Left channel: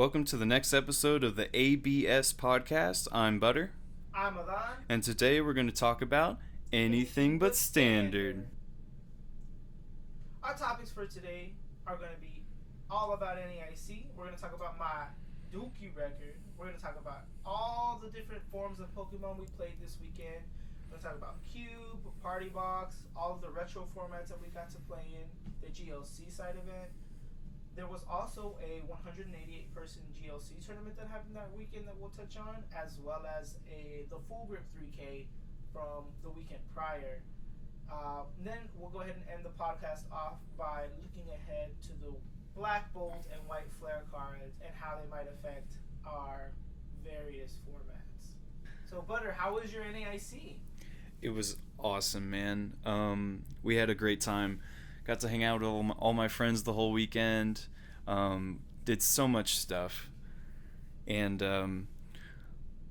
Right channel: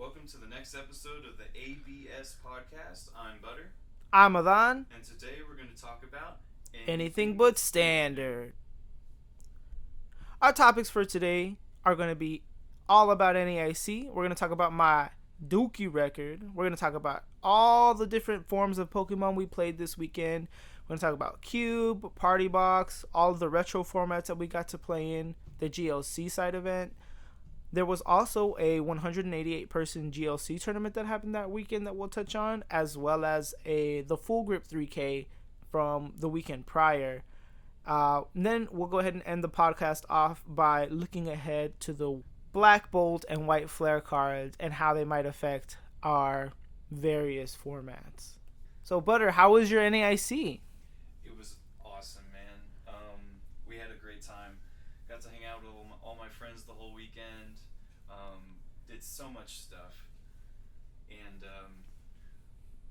Welcome to the next episode of the ABS podcast. I'm Butter. I'm Adan. And today we're going to talk about anything but standard. Our topics for today are going to be all about NAIC. We're going to talk about my Dookie record. We're going to talk about all the different forms of Pokemon we played this weekend. We're going to talk about Cube, Party Box, all of the retro formats that we got to play in, the GLC side event. There was also a 188-person GLC tournament that happened that weekend that we'll touch on, as well as the Full Grip 3K from the weekend prior. Then we'll go ahead and end the podcast off by looking ahead to the Black Bolt and White Flare cards and how they might affect our various formats. So, Butter, how was your NAIC? It was awesome, man. We had a great time. Got to hang out with all my friends the whole weekend. Did so much stuff. And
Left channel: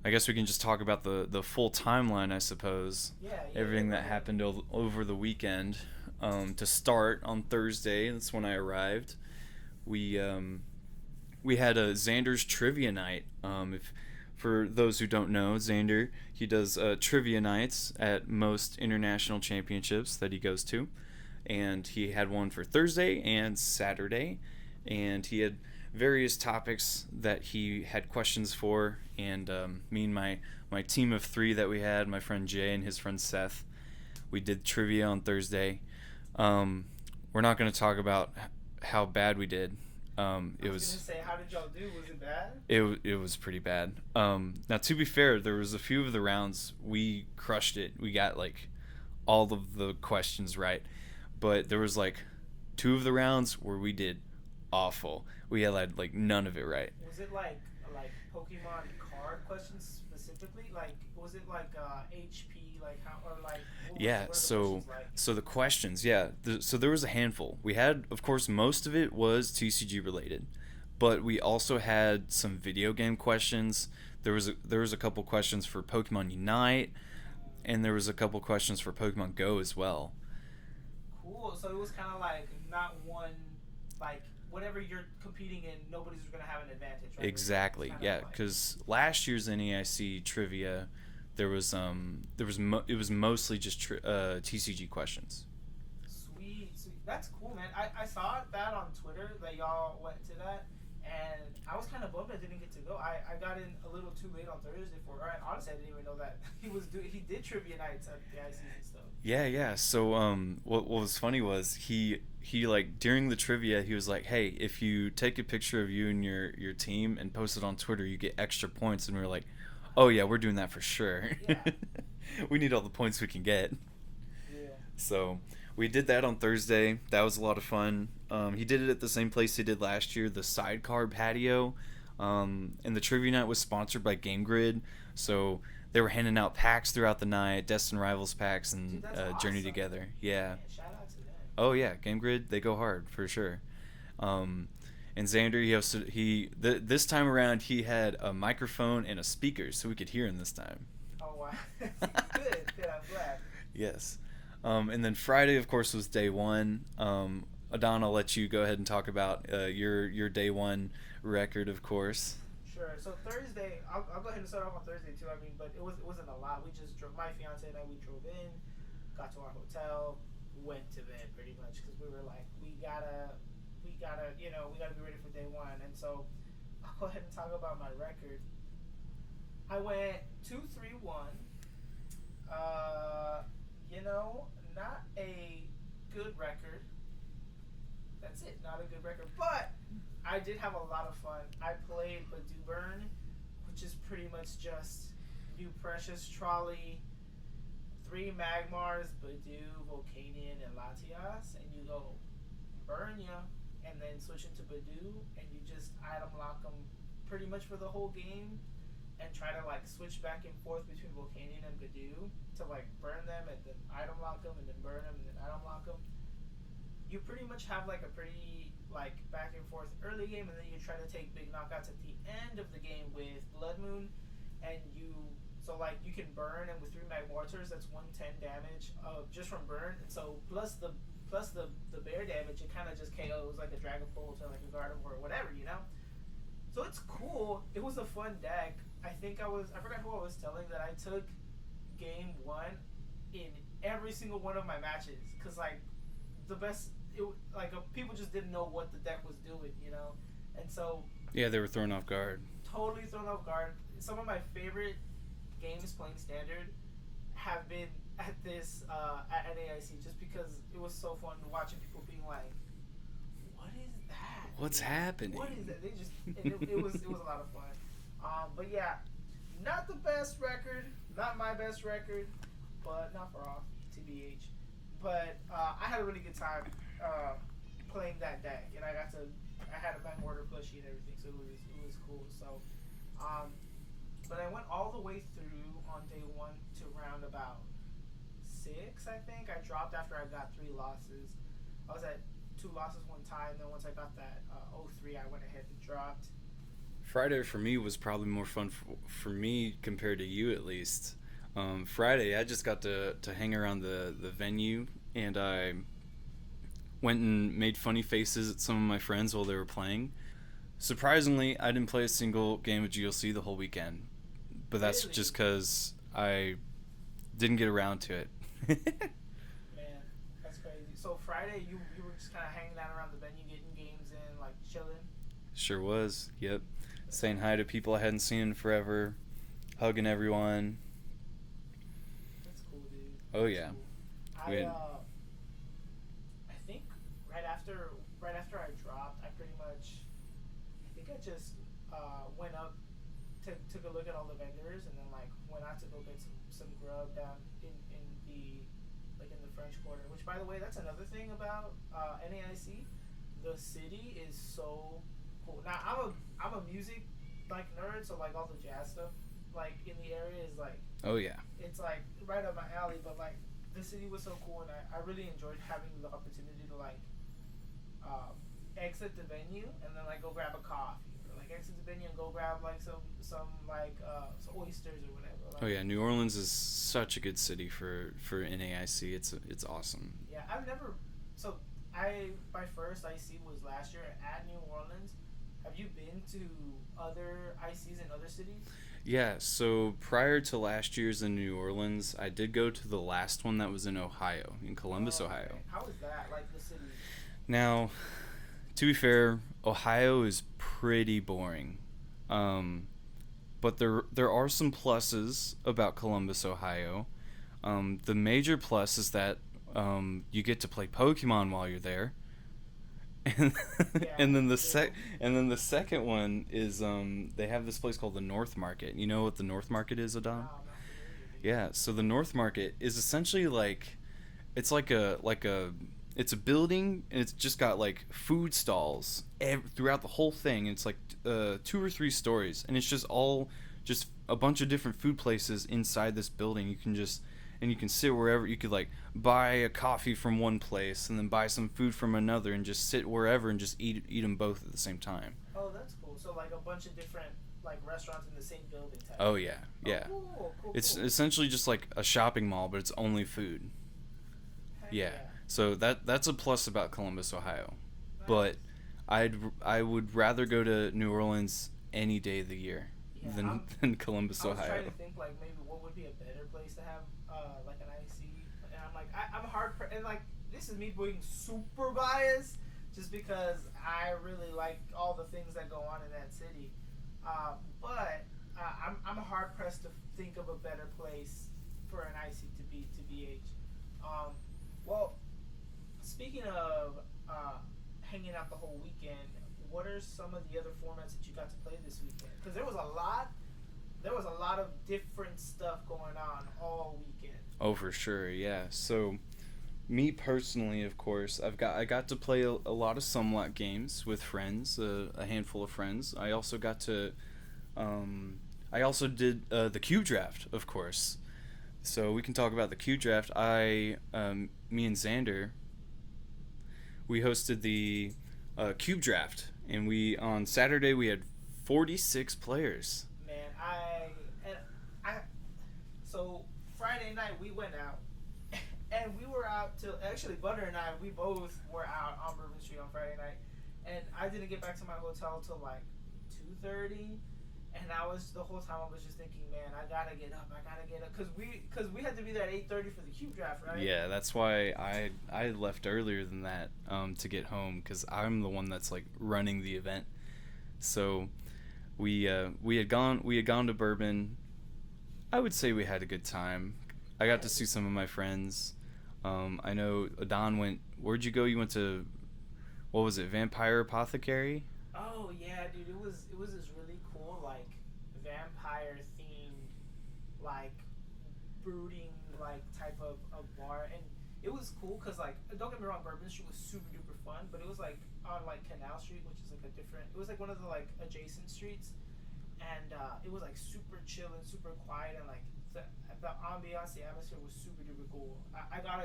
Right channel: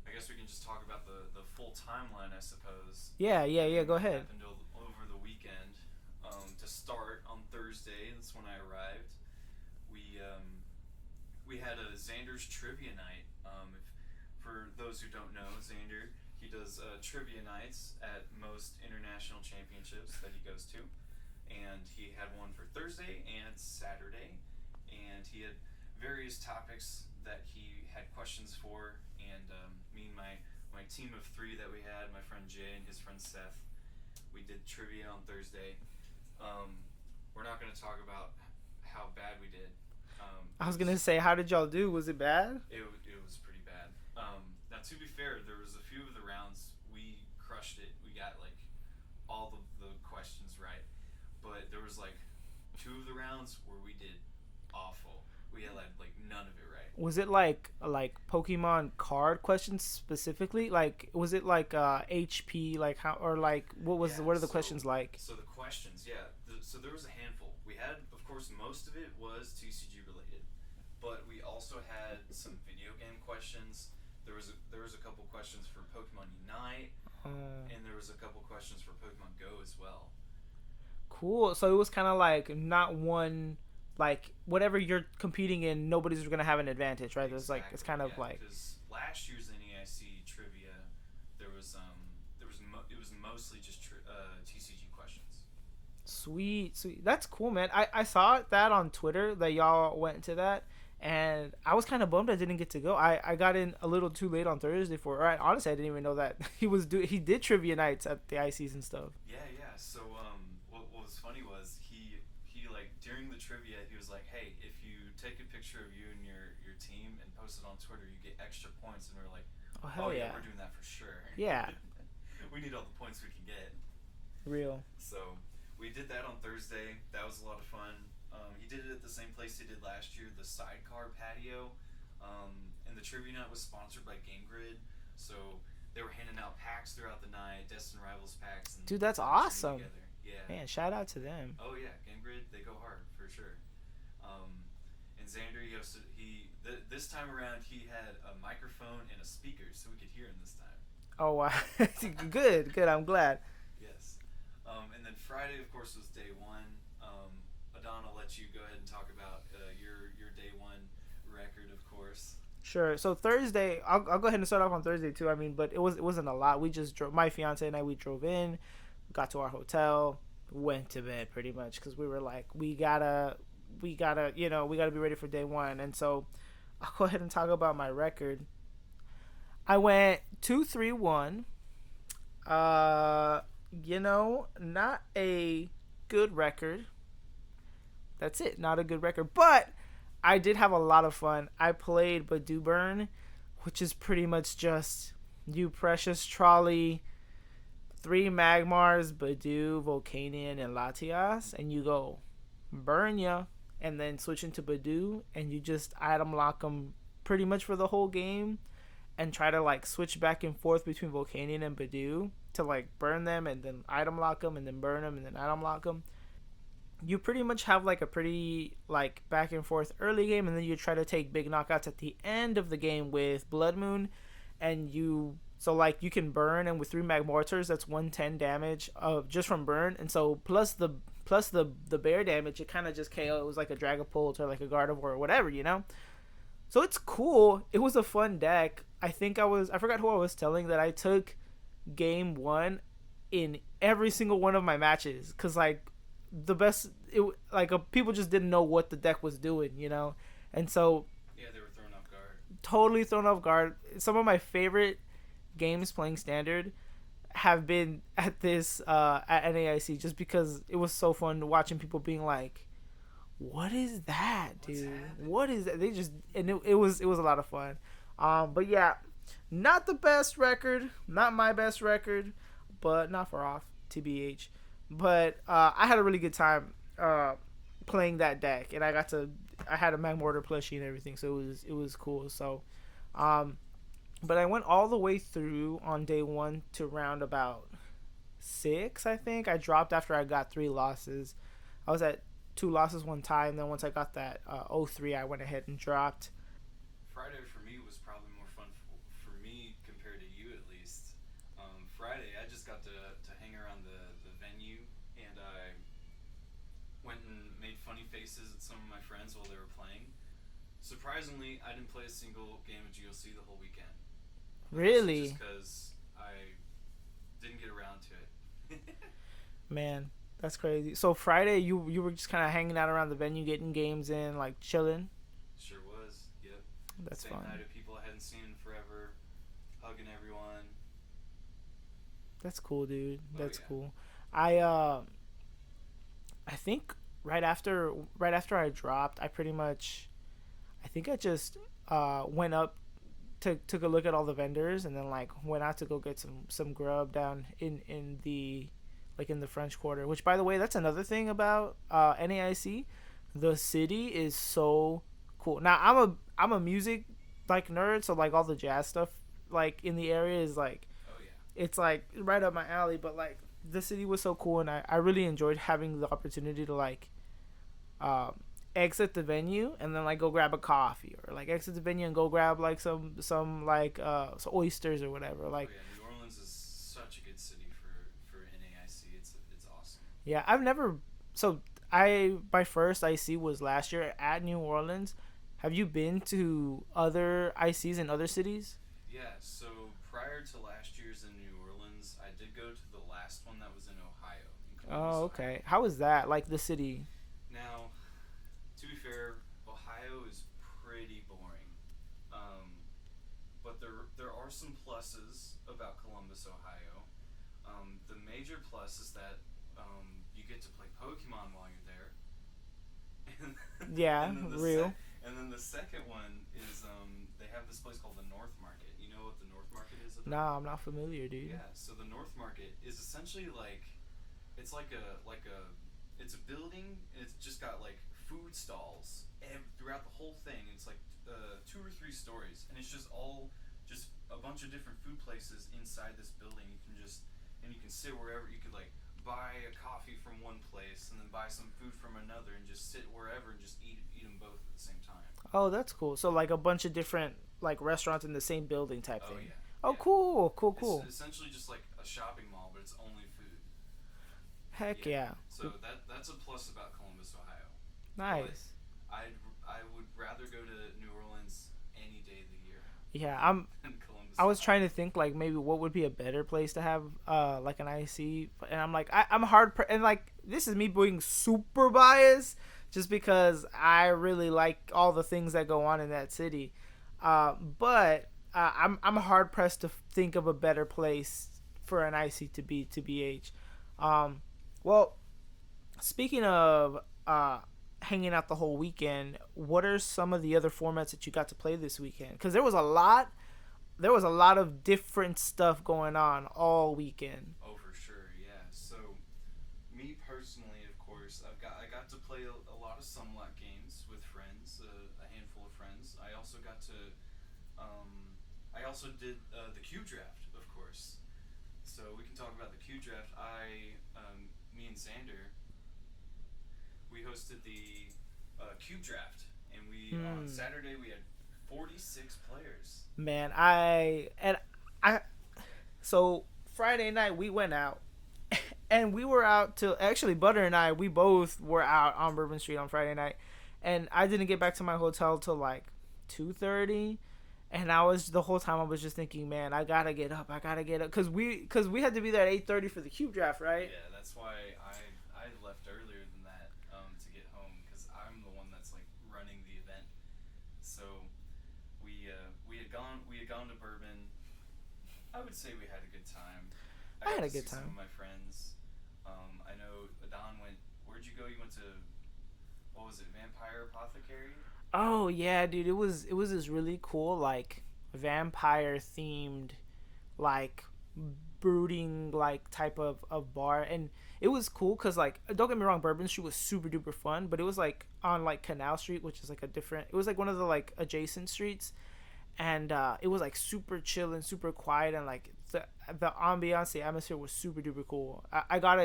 I guess we can just talk about the full timeline, I suppose. Yeah, Everything go that ahead. happened over the weekend. To start, on Thursday, that's when I arrived, we had a Xander's Trivia Night. For those who don't know, Xander, he does trivia nights at most international championships that he goes to. And he had one for Thursday and Saturday, and he had various topics that he had questions for, and me and my team of three that we had, my friend Jay and his friend Seth, we did trivia on Thursday. We're not going to talk about how bad we did. I was going to say, how did y'all do? Was it bad? It was pretty bad. Now, to be fair, there was a few of the rounds we crushed it. We got like all of the questions right. But there was like two of the rounds where we did awful. We had like none of it right. Was it like Pokemon card questions specifically? Like, was it like HP, like how, or like what are the questions like? So the questions, so there was a handful. We had, of course, most of it was TCG related, but we also had some video game questions. There was a couple questions for Pokemon Unite, and there was a couple questions for Pokemon Go as well. Cool. So it was kind of like not one, like whatever you're competing in, nobody's going to have an advantage, right? Exactly. Because last year's NAIC trivia, it was mostly just TCG questions. Sweet. That's cool, man. I saw that on Twitter that y'all went to that, and I was kind of bummed I didn't get to go. I got in a little too late on Thursday honestly, I didn't even know that he did trivia nights at the ICs and stuff. Yeah. So what was funny was he like during the trivia he was like, hey, if you take a picture of you and your team and post it on Twitter, you get extra points. And we were like, oh yeah, we're doing that for sure. Yeah. We need all the points we can get. Real. So we did that on Thursday. That was a lot of fun. He did it at the same place he did last year, the Sidecar Patio. And the trivia night was sponsored by Game Grid. So they were handing out packs throughout the night, Destin Rivals packs, and dude, that's awesome. Journey Together. Yeah. Man, shout out to them. Oh yeah, Game Grid, they go hard for sure. And Xander, this time around he had a microphone and a speaker, so we could hear him this time. Oh wow, good. I'm glad. Yes. And then Friday, of course, was day one. Adan, I'll let you go ahead and talk about your day one record, of course. Sure. So Thursday, I'll go ahead and start off on Thursday too. I mean, but it wasn't a lot. We just drove. My fiance and I, we drove in, got to our hotel, went to bed pretty much because we were like, we gotta be ready for day one. And so I'll go ahead and talk about my record. I went 2-3-1. Not a good record. That's it. Not a good record. But I did have a lot of fun. I played Badoo Burn, which is pretty much just you precious trolley, 3 Magmars, Badoo, Volcanion, and Latias, and you go burn ya, and then switch into Badoo, and you just item lock them pretty much for the whole game, and try to like switch back and forth between Volcanion and Badoo to like burn them and then item lock them and then burn them and then item lock them. You pretty much have like a pretty like back and forth early game, and then you try to take big knockouts at the end of the game with Blood Moon, and you can burn, and with 3 Magmortars that's 110 damage just from burn, and so plus the bear damage, it kind of just KOs like a Dragapult or like a Gardevoir or whatever, So it's cool. It was a fun deck. I forgot who I was telling that I took game one in every single one of my matches because like the best it like people just didn't know what the deck was doing, and so Yeah, they were thrown off guard. totally thrown off guard. Some of my favorite games playing standard have been at this at NAIC just because it was so fun watching people being like, what is that? What's dude? happening? What is that? They just and it was a lot of fun. But yeah, not the best record, not my best record, but not far off, TBH. But I had a really good time playing that deck, and I had a Magmortar plushie and everything, so it was cool. So, but I went all the way through on day one to round about 6. I think I dropped after I got 3 losses. I was at 2 losses, 1 tie, and then once I got that 0-3, I went ahead and dropped. Friday for me was probably more fun for me compared to you, at least. Friday, I just got to hang around the venue, and I went and made funny faces at some of my friends while they were playing. Surprisingly, I didn't play a single game of GLC the whole weekend, but Really? that's just because I didn't get around to it. Man, that's crazy. So Friday, you were just kind of hanging out around the venue, getting games in, like chilling. Sure was. Yep. That's Saying fun. hi to people I hadn't seen in forever, hugging everyone. That's cool, dude. Oh, That's yeah. cool. Yeah. I think right after I dropped, I think I just went up, took a look at all the vendors, and then like went out to go get some grub down in the like in the French Quarter. Which, by the way, that's another thing about NAIC. The city is so cool. Now I'm a music like nerd, so like all the jazz stuff like in the area is like Oh yeah. it's like right up my alley. But like the city was so cool, and I really enjoyed having the opportunity to like exit the venue and then like go grab a coffee, or like exit the venue and go grab like some like some oysters or whatever. Like Oh yeah. New Orleans is such a good city for NAIC. It's awesome. yeah, my first IC was last year at New Orleans. Have you been to other ICs in other cities? Yeah. So prior to last year's in New Orleans, I did go to the last one that was in Ohio, in Columbus, Ohio. How was that? Like the city? Now, to be fair, Ohio is pretty boring. But there are some pluses about Columbus, Ohio. The major plus is that you get to play Pokemon while you're there. And, Yeah, and then real. the second one is they have this place called the North Market. You know what the North Market is, Adam? Nah, I'm not familiar, dude. Yeah, so the North Market is essentially like it's like a it's a building, and it's just got like food stalls throughout the whole thing. It's like 2 or 3 stories, and it's just all just a bunch of different food places inside this building. You can sit wherever. You could like buy a coffee from one place and then buy some food from another, and just sit wherever and just eat them both at the same time. Oh, that's cool. So like a bunch of different like restaurants in the same building type. Oh yeah, Oh, yeah. cool. It's essentially just like a shopping mall, but it's only food. Heck yeah. So that's a plus about Columbus, Ohio. Nice. But I would rather go to New Orleans any day of the year. Yeah, than Columbus. I was Ohio. trying to think like maybe what would be a better place to have like an IC, and I'm like I'm and like this is me being super biased just because I really like all the things that go on in that city, but I'm hard pressed to think of a better place for an IC to be TBH. Well, speaking of hanging out the whole weekend, what are some of the other formats that you got to play this weekend? Because there was a lot of different stuff going on all weekend. Oh, for sure, yeah. So, me personally, of course, I got to play a lot of Somewhat games with friends, a handful of friends. I also got to, I also did the Cube Draft, of course. So we can talk about the Cube Draft. Me and Xander, we hosted the Cube Draft, and on Saturday we had 46 players. Man, so Friday night we went out, and we were out till actually Butter and I, we both were out on Bourbon Street on Friday night, and I didn't get back to my hotel till like 2:30, and I was the whole time I was just thinking, man, I gotta get up, because we had to be there at 8:30 for the cube draft, right? Yeah, that's why I left earlier than that to get home, because I'm the one that's like running the event. So we had gone to Bourbon. I would say we had a good time. I got to see some of my friends. I know Adon went. Where'd you go? You went to, what was it, Vampire Apothecary? Oh yeah, dude, it was this really cool like vampire themed like brooding like type of bar, and it was cool because like don't get me wrong, Bourbon Street was super duper fun, but it was like on like Canal Street, which is like a different, it was like one of the like adjacent streets, and it was like super chill and super quiet, and like the ambiance, the atmosphere was super duper cool. I got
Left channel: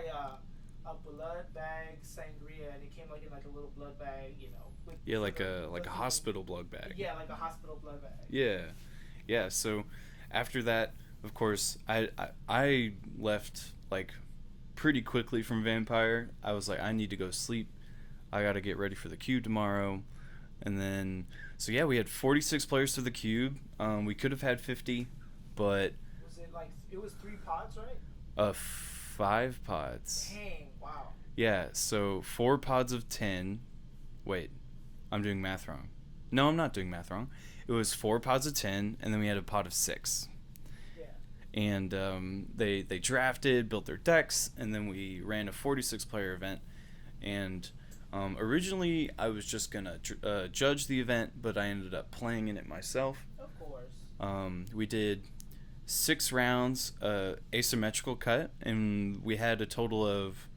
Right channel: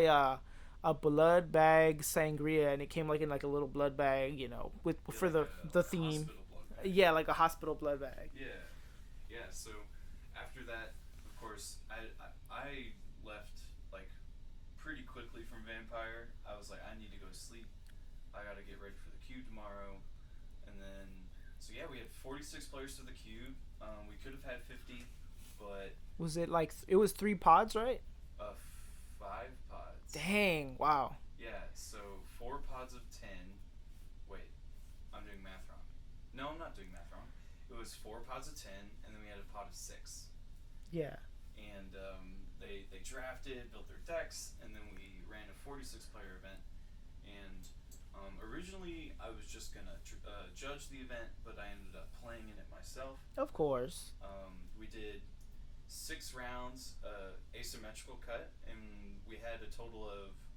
a blood bag sangria, and it came like in like a little blood bag, with Yeah, for like the a theme. hospital blood bag. Yeah, like a hospital blood bag. Yeah, yeah. So after that, of course, I left like pretty quickly from Vampire. I was like, I need to go sleep. I got to get ready for the cube tomorrow, and then so yeah, we had 46 players to the cube. We could have had 50, but Was it like it was 3 pods, right? 5 pods. Dang! Wow. Yeah, so 4 pods of 10. Wait, I'm doing math wrong. No, I'm not doing math wrong. It was 4 pods of 10, and then we had a pod of 6. Yeah. And they drafted, built their decks, and then we ran a 46 player event. And originally I was just gonna judge the event, but I ended up playing in it myself. Of course. We did 6 rounds, asymmetrical cut, and we had a total of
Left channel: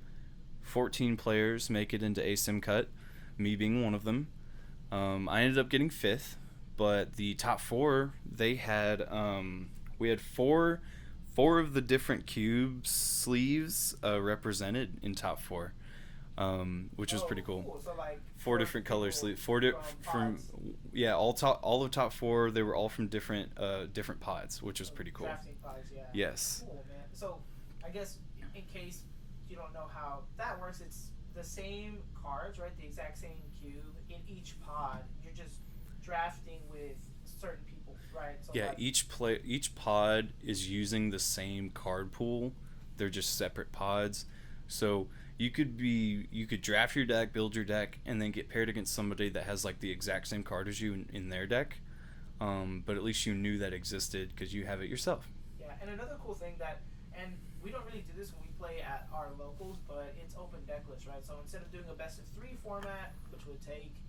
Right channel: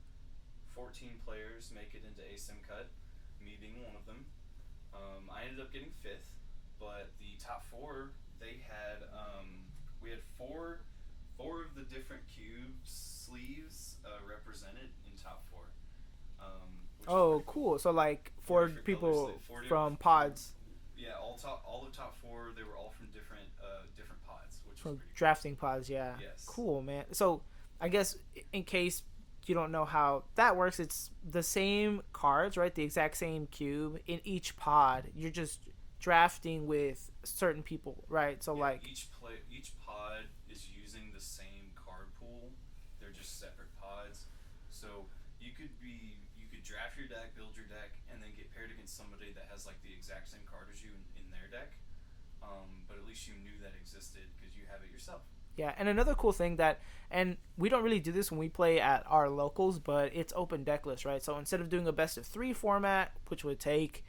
14 players make it into asim cut, me being one of them. I ended up getting 5th, but the top 4, they had we had four of the different cube sleeves represented in top 4, which was pretty cool. So like 4 different color sleeves, from pods. Yeah, all of top 4, they were all from different pods, which was pretty cool. Drafting pods, yeah. Yes. Cool, man. So I guess in case you don't know how that works, it's the same cards, right? The exact same cube in each pod. You're just drafting with certain people, right? So yeah, like each pod is using the same card pool. They're just separate pods. So you could draft your deck, build your deck, and then get paired against somebody that has like the exact same card as you in their deck. But at least you knew that existed because you have it yourself. Yeah, and another cool thing that, and we don't really do this when we play at our locals, but it's open deck list, right? So instead of doing a best of 3 format, which would take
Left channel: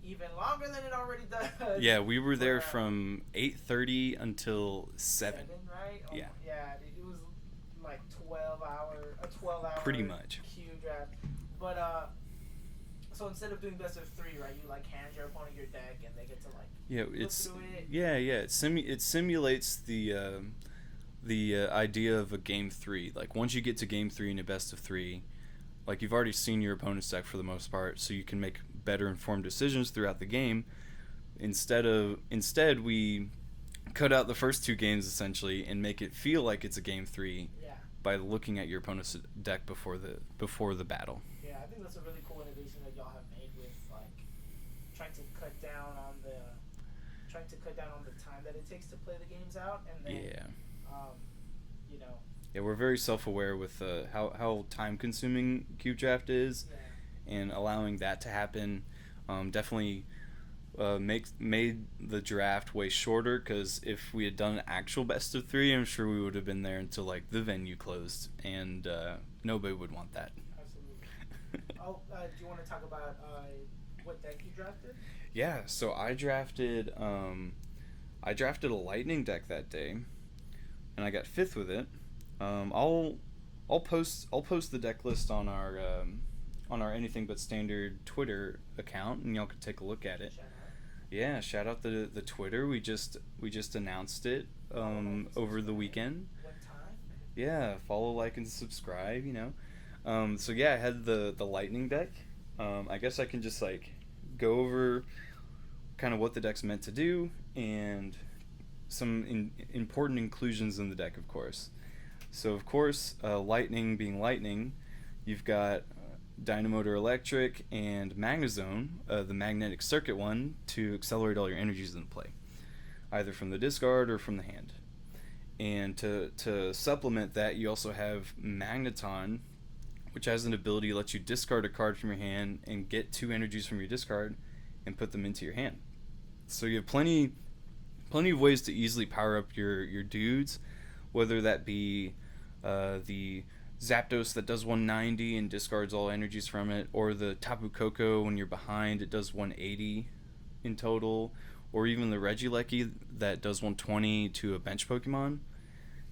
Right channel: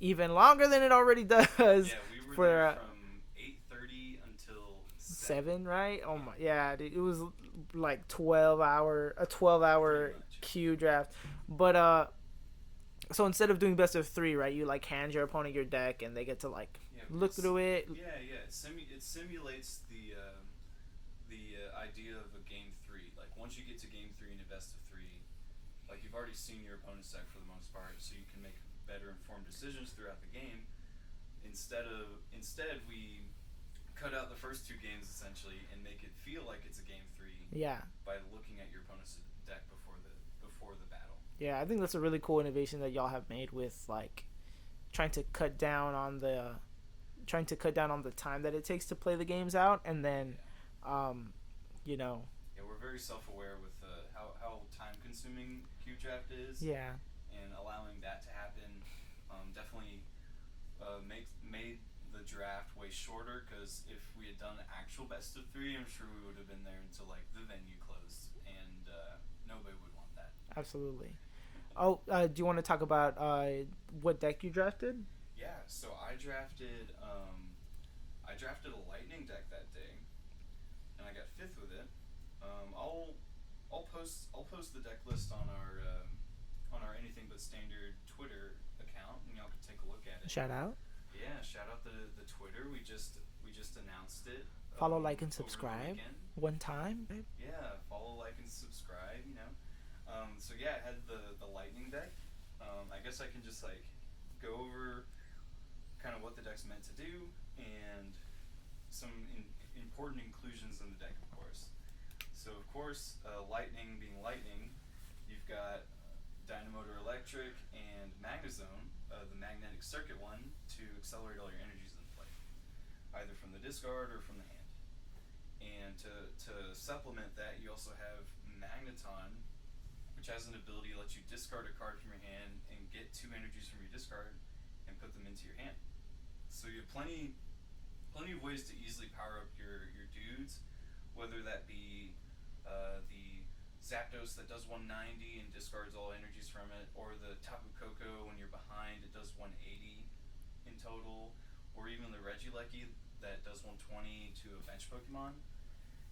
even longer than it already does. Yeah, we were there from 8:30 until 7. Right? Oh yeah. Yeah, dude, it was like a 12 hour pretty much queue draft. But so instead of doing best of 3, right, you like hand your opponent your deck and they get to like look through it. Yeah, it simulates the idea of a game 3. Like once you get to game 3 in a best of 3, like you've already seen your opponent's deck for the most part, so you can make better informed decisions throughout the game. Instead we cut out the first 2 games essentially and make it feel like it's a game 3. Yeah. By looking at your opponent's deck before the battle. Yeah, I think that's a really cool innovation that y'all have made with like trying to cut down on the time that it takes to play the games out, and then Yeah, we're very self-aware with how time-consuming cube draft is. Yeah. And allowing that to happen definitely made the draft way shorter, because if we had done an actual best of 3, I'm sure we would have been there until like the venue closed, and nobody would want that. Absolutely. Do you want to talk about what deck you drafted? Yeah, so I drafted a lightning deck that day, and I got 5th with it. I'll post the deck list on our Anything But Standard Twitter account, and y'all can take a look at it. Shout out. Yeah, shout out the Twitter. We just announced it follow, like, and over the weekend. One time. Yeah, follow, like, and subscribe. So yeah, I had the lightning deck. I guess I can just like go over kind of what the deck's meant to do and some important inclusions in the deck, of course. So of course, lightning being lightning, you've got Dynamotor Electric, and Magnezone, the magnetic circuit one, to accelerate all your energies in play, either from the discard or from the hand. And to supplement that, you also have Magneton, which has an ability to let you discard a card from your hand and get 2 energies from your discard and put them into your hand. So you have plenty of ways to easily power up your dudes, whether that be the Zapdos that does 190 and discards all energies from it, or the Tapu Koko when you're behind, it does 180 in total, or even the Regieleki that does 120 to a bench Pokemon.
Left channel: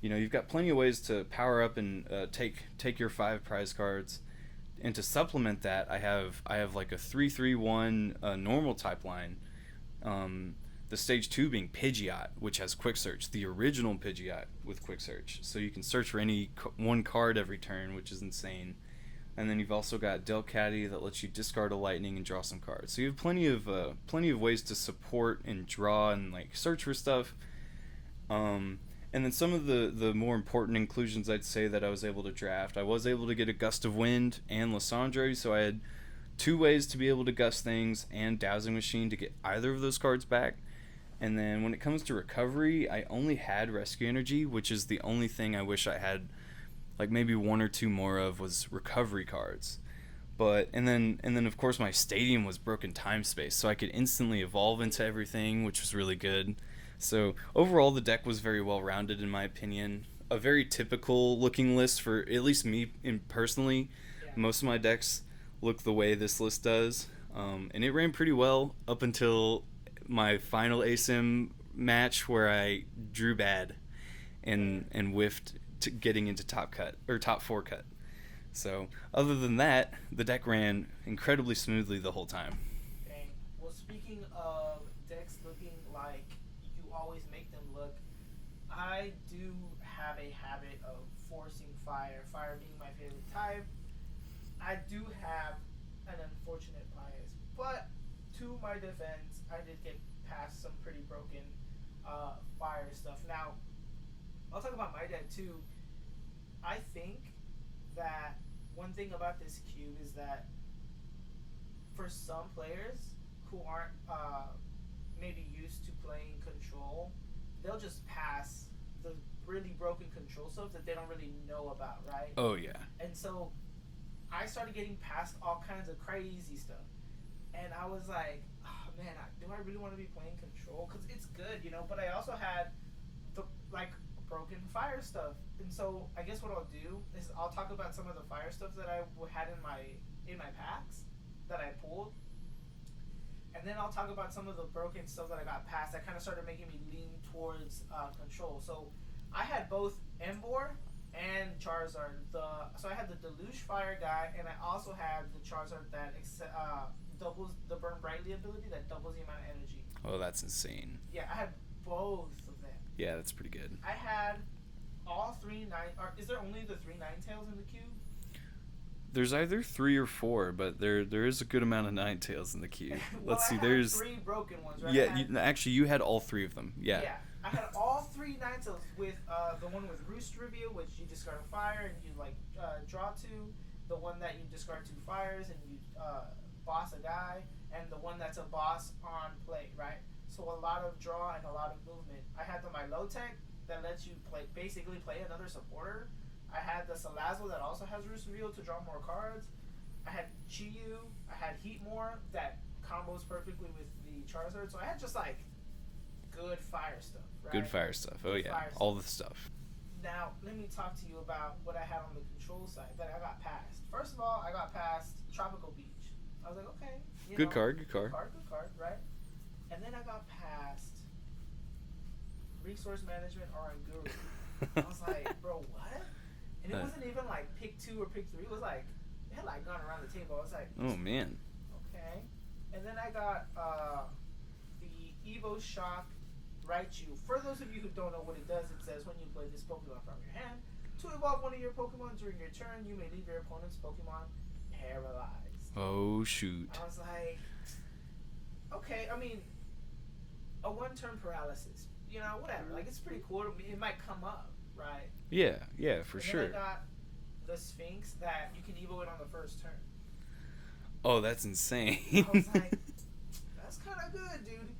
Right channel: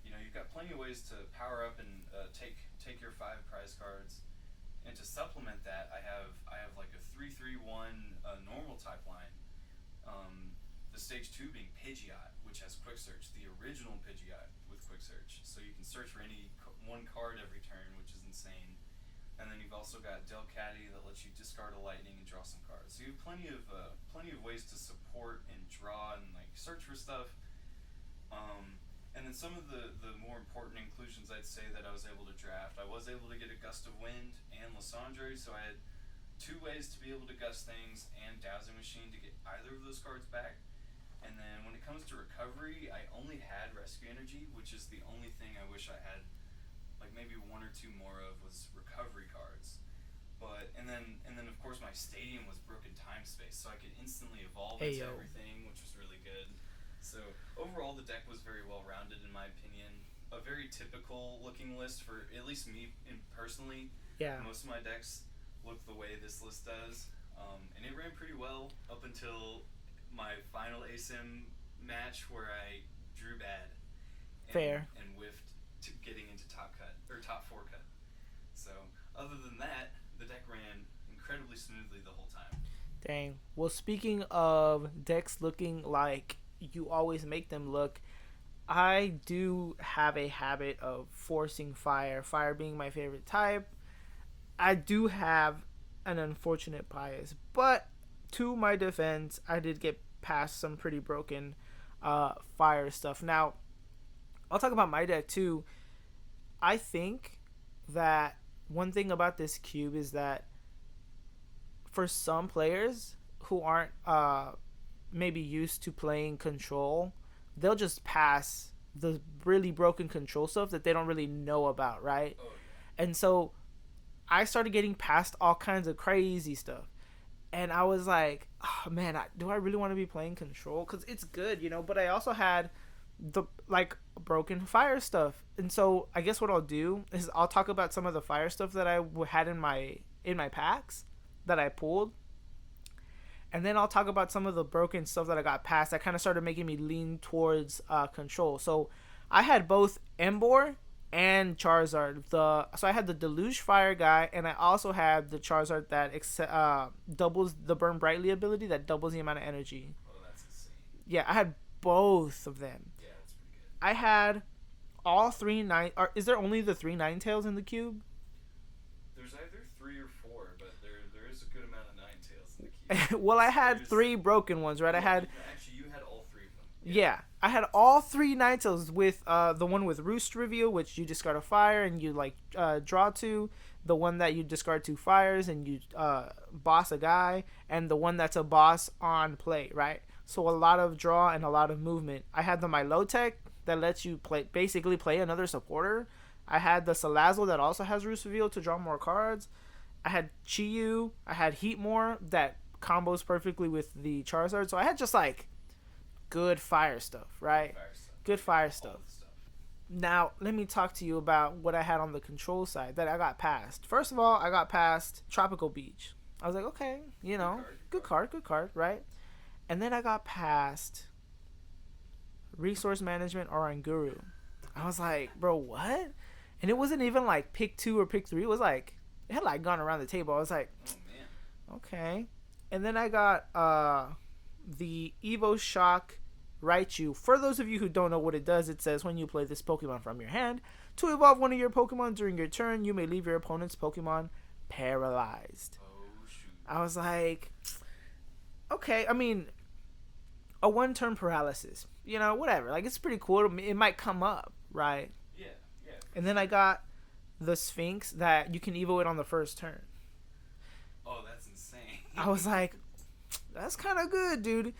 You know, you've got plenty of ways to power up and take your 5 prize cards. And to supplement that, I have like a 3-3-1 normal type line. The stage 2 being Pidgeot, which has Quick Search, the original Pidgeot with Quick Search. So you can search for any one card every turn, which is insane. And then you've also got Delcatty that lets you discard a Lightning and draw some cards. So you have plenty of ways to support and draw and like search for stuff. And then some of the more important inclusions I'd say that I was able to draft. I was able to get a Gust of Wind and Lysandre, so I had 2 ways to be able to gust things, and Dowsing Machine to get either of those cards back. And then when it comes to recovery, I only had Rescue Energy, which is the only thing I wish I had like maybe 1 or 2 more of was recovery cards. But and then of course my stadium was Broken Time Space, so I could instantly evolve into everything, which was really good. So overall the deck was very well rounded in my opinion. A very typical looking list for at least me personally. Yeah. Most of my decks look the way this list does. And it ran pretty well up until my final ASIM match where I drew bad and whiffed to getting into top 4 cut. So other than that, the deck ran incredibly smoothly the whole time. Dang. Well, speaking of decks looking like you always make them look, I do have a habit of forcing fire being my favorite type. I do have an unfortunate bias, but to my defense, I did get past some pretty broken fire stuff. Now, I'll talk about my deck too. I think that one thing about this cube is that for some players who aren't maybe used to playing control, they'll just pass the really broken control stuff that they don't really know about, right? Oh, yeah. And so I started getting past all kinds of crazy stuff. And I was like, oh, man, do I really want to be playing control? Because it's good, you know, but I also had the, like, broken fire stuff. And so I guess what I'll do is I'll talk about some of the fire stuff that I had in my packs that I pulled. And then I'll talk about some of the broken stuff that I got past that kind of started making me lean towards control. So I had both Emboar and Charizard. So I had the Deluge Fire guy, and I also had the Charizard that doubles the Burn Brightly ability, that doubles the amount of energy. Oh, that's insane. Yeah, I had both of them. Yeah, that's pretty good. I had all 3 is there only the 3 Ninetales in the cube? There's either 3 or 4, but there is a good amount of Ninetales in the cube. Well, I had 3 broken ones, right? Yeah, you had all 3 of them. Yeah. Yeah, I had all 3 Ninetales with the one with Roost Reveal, which you discard a fire and you like draw 2. The one that you discard 2 fires and you boss a guy, and the one that's a boss on play, right? So a lot of draw and a lot of movement. I had the Milotic that lets you basically play another supporter. I had the Salazzle that also has Roost Reveal to draw more cards. I had Chi-Yu. I had Heatmore that combos perfectly with the Charizard. So I had just like good fire stuff, right? Good fire stuff. Good fire stuff. All the stuff. Now, let me talk to you about what I had on the control side that I got past. First of all, I got past Tropical Beach. I was like, okay, you know. Good card, right? And then I got past Resource Management Oranguru. I was like, bro, what? And it wasn't even like pick 2 or pick 3. It was like, it had like gone around the table. I was like, oh, man. Okay. And then I got the Evo Shock Raichu. For those of you who don't know what it does, it says when you play this Pokemon from your hand, to evolve one of your Pokemon during your turn, you may leave your opponent's Pokemon paralyzed. Oh, shoot. I was like, okay. I mean, a 1-turn paralysis. You know, whatever. Like, it's pretty cool. It might come up, right? Yeah, for sure. And then I got the Sphinx that you can evo it on the first turn. Oh, that's insane. I was like, that's kind of good, dude.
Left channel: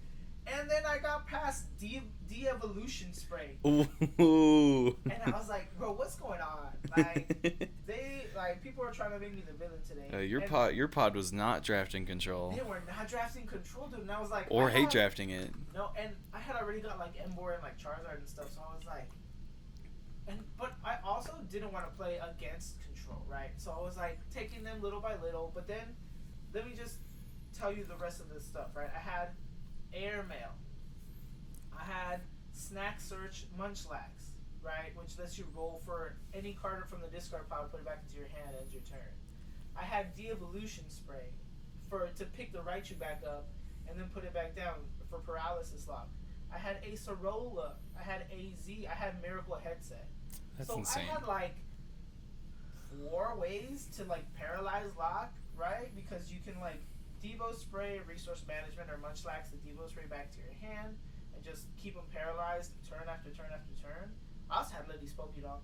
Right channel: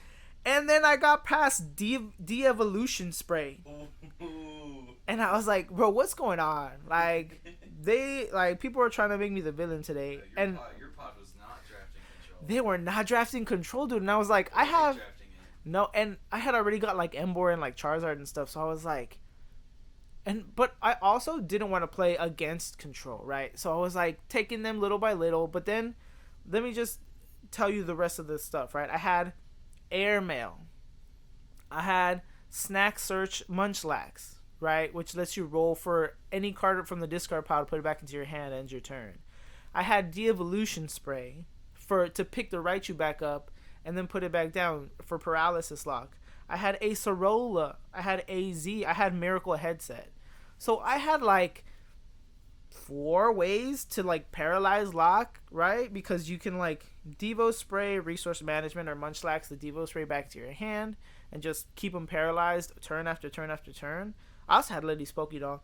And then I got past de-evolution spray. Ooh. And I was like, bro, what's going on? People are trying to make me the villain today. Your pod was not drafting control. They were not drafting control, dude. And I was like, I hate drafting it. No, and I had already got like Emboar and like Charizard and stuff, so I was like, but I also didn't want to play against control, right? So I was like taking them little by little. But then, let me just tell you the rest of this stuff, right? I had Airmail. I had Snack Search Munchlax, right? Which lets you roll for any card from the discard pile, put it back into your hand, ends your turn. I had De-Evolution Spray to pick the Raichu back up and then put it back down for Paralysis Lock. I had a Sorola. I had AZ. I had Miracle Headset. That's so insane. I had like 4 ways to like paralyze lock, right? Because you can like Devo Spray, Resource Management, or Munchlax the Devo Spray back to your hand and just keep them paralyzed turn after turn after turn. I also had Lady Spokedoll,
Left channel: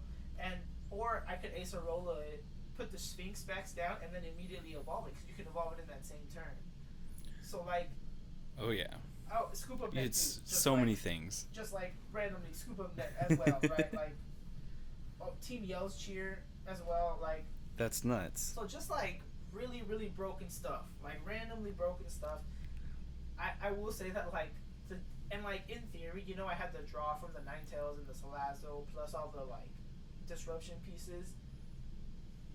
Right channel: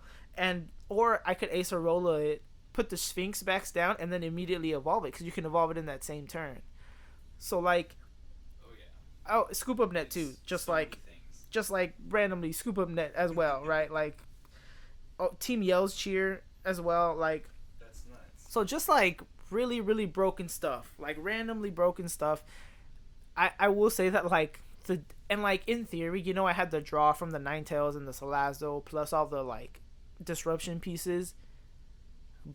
or I could Acerola it, put the Sphinx backs down, and then immediately evolve it because you can evolve it in that same turn. So like, oh yeah, Scoop Up Net too. Just so many things. Just like randomly Scoop Up Net as well, right? Like, Team Yell's Cheer as well. Like, that's nuts. So just like really, really broken stuff, like randomly broken stuff. I will say that like in theory, you know, I had the draw from the Ninetales and the Salazzle plus all the like disruption pieces,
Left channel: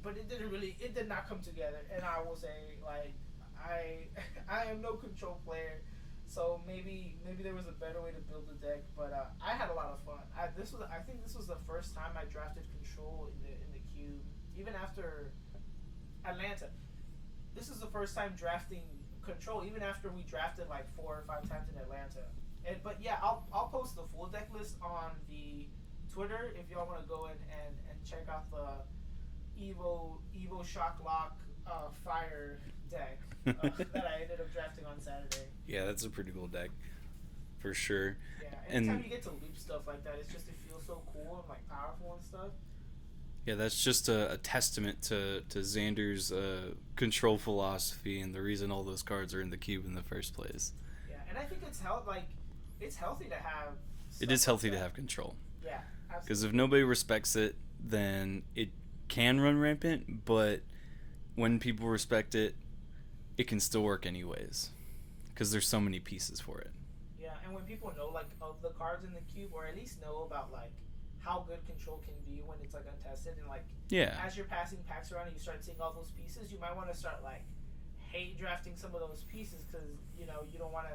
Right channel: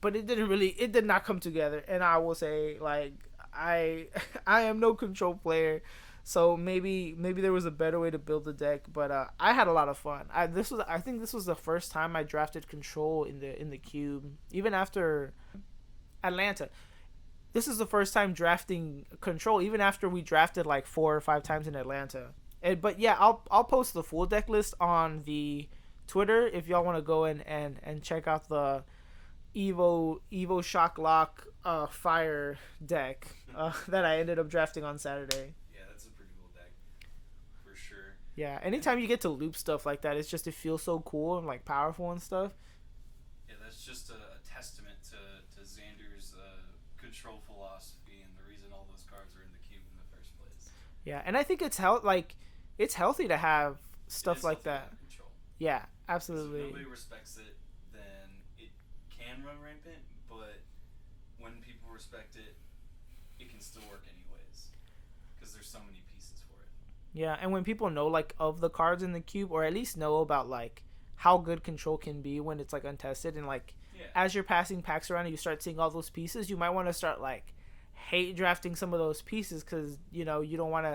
but it did not come together. And I will say like I am no control player, so maybe there was a better way to build the deck. But I had a lot of fun. I think this was the first time I drafted control in the cube, even after Atlanta. This is the first time drafting control, even after we drafted like 4 or 5 times in Atlanta. But yeah, I'll post the full deck list on the Twitter if y'all want to go in and check out the Evo Shock Lock Fire deck that I ended up drafting on Saturday. Yeah, that's a pretty cool deck, for sure. Yeah, anytime you get to loop stuff like that, it feels so cool and like powerful and stuff. Yeah, that's just a testament to Xander's control philosophy and the reason all those cards are in the cube in the first place. Yeah, and I think it's healthy to have stuff like that. It is healthy to have control. Yeah, absolutely. Because if nobody respects it, then it can run rampant, but when people respect it, it can still work anyways. Because there's so many pieces for it. Yeah, and when people know like of the cards in the cube, or at least know about like how good control can be when it's like untested, and like as you're passing packs around and you start seeing all those pieces, you might want to start like hate drafting some of those pieces because you don't want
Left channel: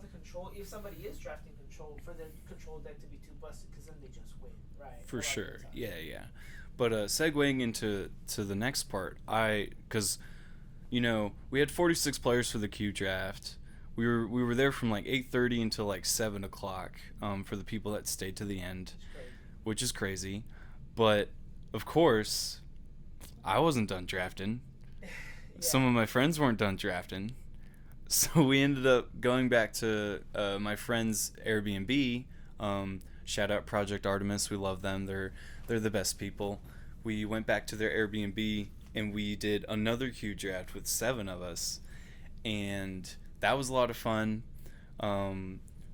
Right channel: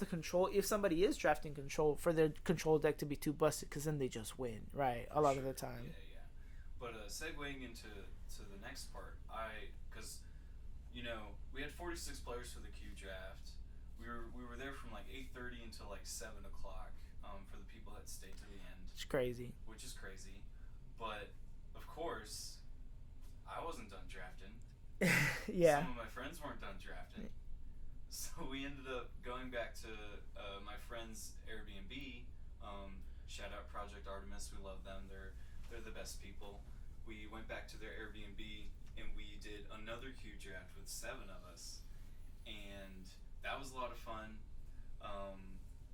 the control, if somebody is drafting control, for their control deck to be too busted, because then they just win, right? For sure. Of the time. Yeah. But segueing into the next part, because we had 46 players for the Q draft. We were there from like 8:30 until like 7 o'clock for the people that stayed to the end. It's crazy. Which is crazy. But, of course, I wasn't done drafting. Yeah. Some of my friends weren't done drafting. So we ended up going back to my friend's Airbnb. Shout out Project Artemis. We love them. They're the best people. We went back to their Airbnb and we did another Q draft with 7 of us. And that was a lot of fun.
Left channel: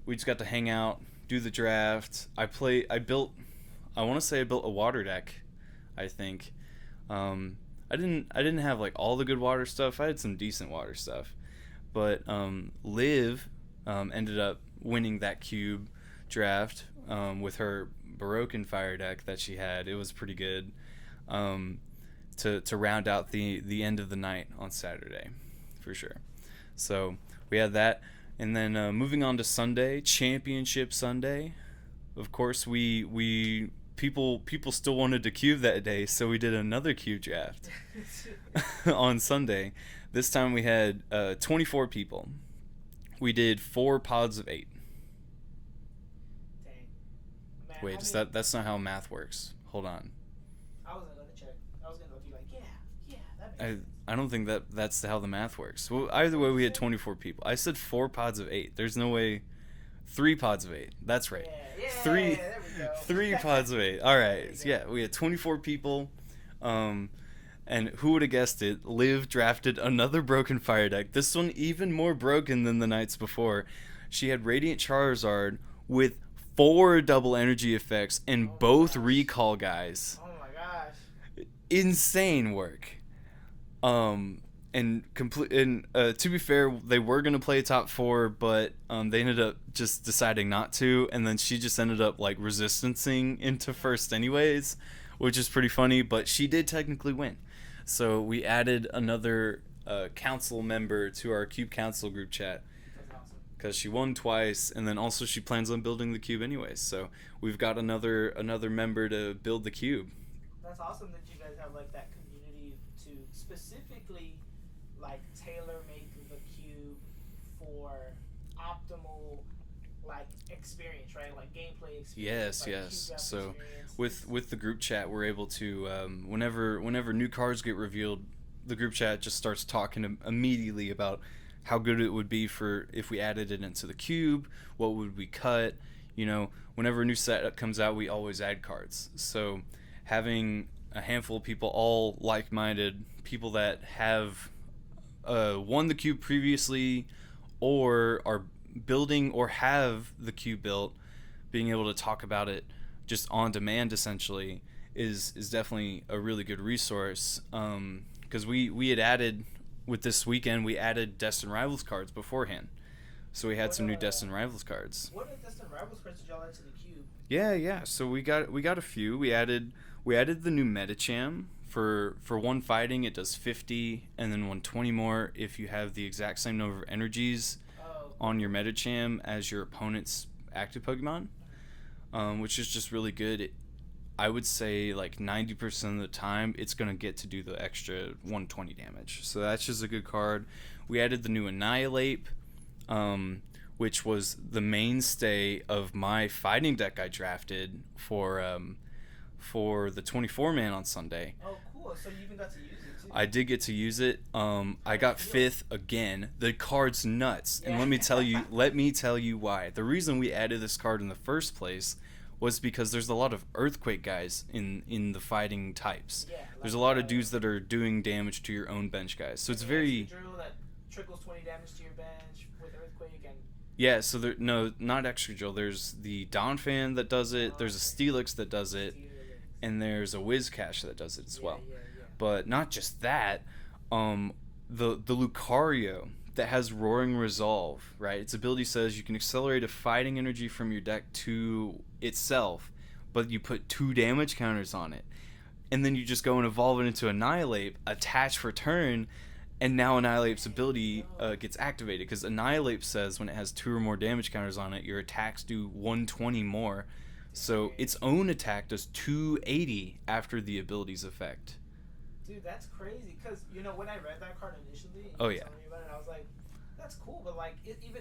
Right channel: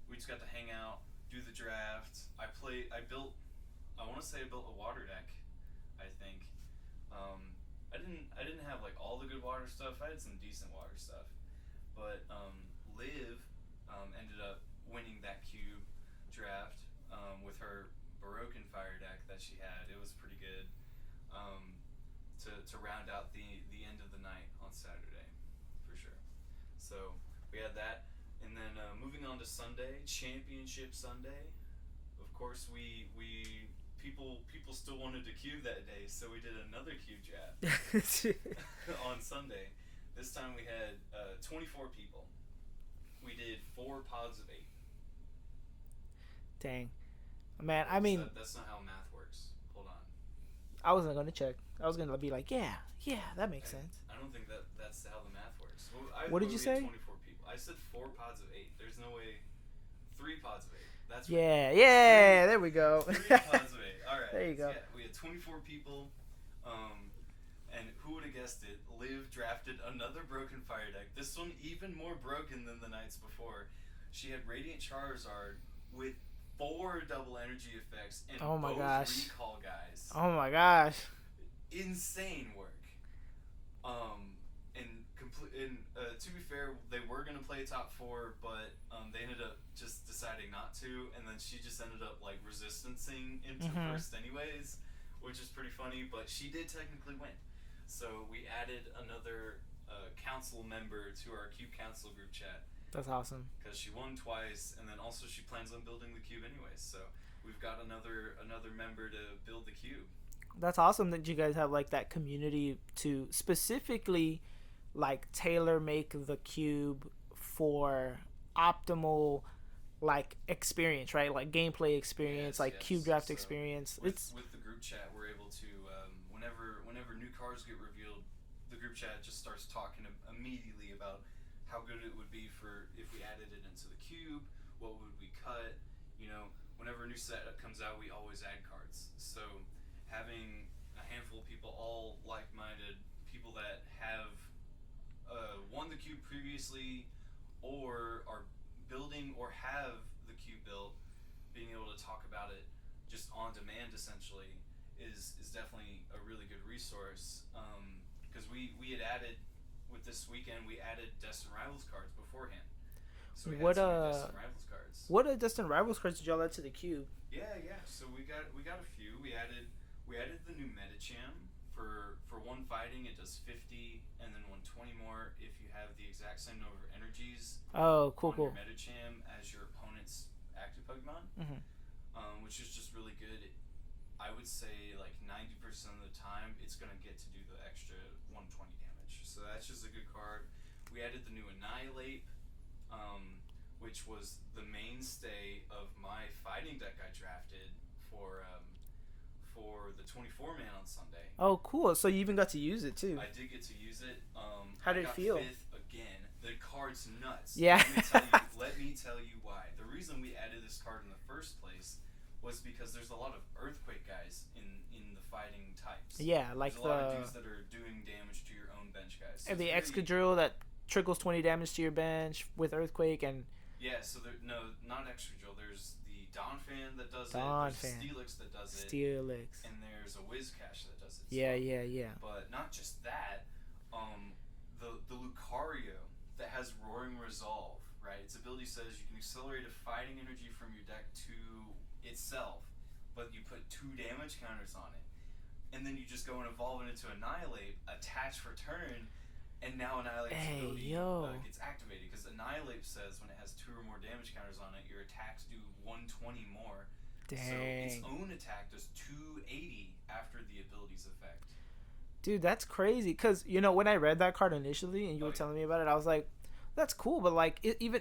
We just got to hang out, do the draft. I built a water deck, I think. I didn't have like all the good water stuff. I had some decent water stuff. But Liv ended up winning that cube draft with her Baroque Fire deck that she had. It was pretty good to round out the end of the night on Saturday, for sure. So we had that, and then moving on to Sunday, Championship Sunday. Of course, people still wanted to cube that day, so we did another cube draft on Sunday. This time we had 24 people. We did 4 pods of 8. Dang, man! Wait, I mean, that's not how math works. Hold on. I wasn't gonna check. I was gonna be like, yeah, that makes sense. I don't think that's how the math works. Well, either way, we had 24 people. I said 4 pods of 8. There's no way. 3 pods of 8. That's right. Yeah, there we go. 3 pods of 8. All right. Yeah, we had 24 people. And who would have guessed it? Liv drafted another broken fire deck. This one even more broken than the nights before. She had Radiant Charizard with 4 double energy effects and Oh my both gosh. recall guys. Oh my gosh. Insane work. And to be fair, they were gonna play top 4, but they ended up just deciding not to, and then she just ended up like resistancing into first anyways, which is pretty funny. But she did technically win, so we added another council member to our Cube Council group chat. That's awesome. Because she won twice, and then also she plans on building the cube anyways. So we've got another member to build the cube. That's awesome that you guys have like that community to specifically like tailor make the cube for optimal like experience, right? Like gameplay experience, cube draft experience. With the group chat, we're able to whenever new cards get revealed, the group chat just starts talking immediately about how good it would be for if we added it into the cube, what would we cut. Whenever a new setup comes out, we always add cards. So having a handful of people, all like-minded people that have won the cube previously or are building or have the cube built, being able to talk about it just on demand essentially is definitely a really good resource. Because we had added, with this weekend, we added Destined Rivals cards beforehand. So we had some new Destined Rivals cards. What Destined Rivals cards did y'all add to the cube? Yeah. So we got a few. We added the new Medicham. For one fighting, it does 50, and then 120 more if you have the exact same number of energies on your Medicham as your opponent's active Pokemon, which is just really good. I would say like 90% of the time, it's going to get to do the extra 120 damage. So that's just a good card. We added the new Annihilate, which was the mainstay of my fighting deck I drafted for the 24-man on Sunday. Oh, cool. So you even got to use it, too. I did get to use it. I got 5th again. The card's nuts. Yeah. Let me tell you why. The reason we added this card in the first place was because there's a lot of Earthquake guys in the fighting types. Yeah. Like there's a lot of dudes that are doing damage to your own bench guys. So it's the very... Excadrill that trickles 20 damage to your bench with Earthquake and... Yeah, so not Excadrill. There's the Donphan that does it. There's a Steelix that does it. And there's a Whiscash that does it as well. Yeah. But not just that. The Lucario that has Roaring Resolve, right? Its ability says you can accelerate a fighting energy from your deck to itself, but you put 2 damage counters on it. And then you just go and evolve it into Annihilate, attach for turn, and now Annihilate's ability gets activated, because Annihilate says when it has 2 or more damage counters on it, your attacks do 120 more. Dang. So its own attack does 280 after the ability's effect. Dude, that's crazy. Because, when I read that card initially and you were telling me about it, I was like, that's cool. But, like,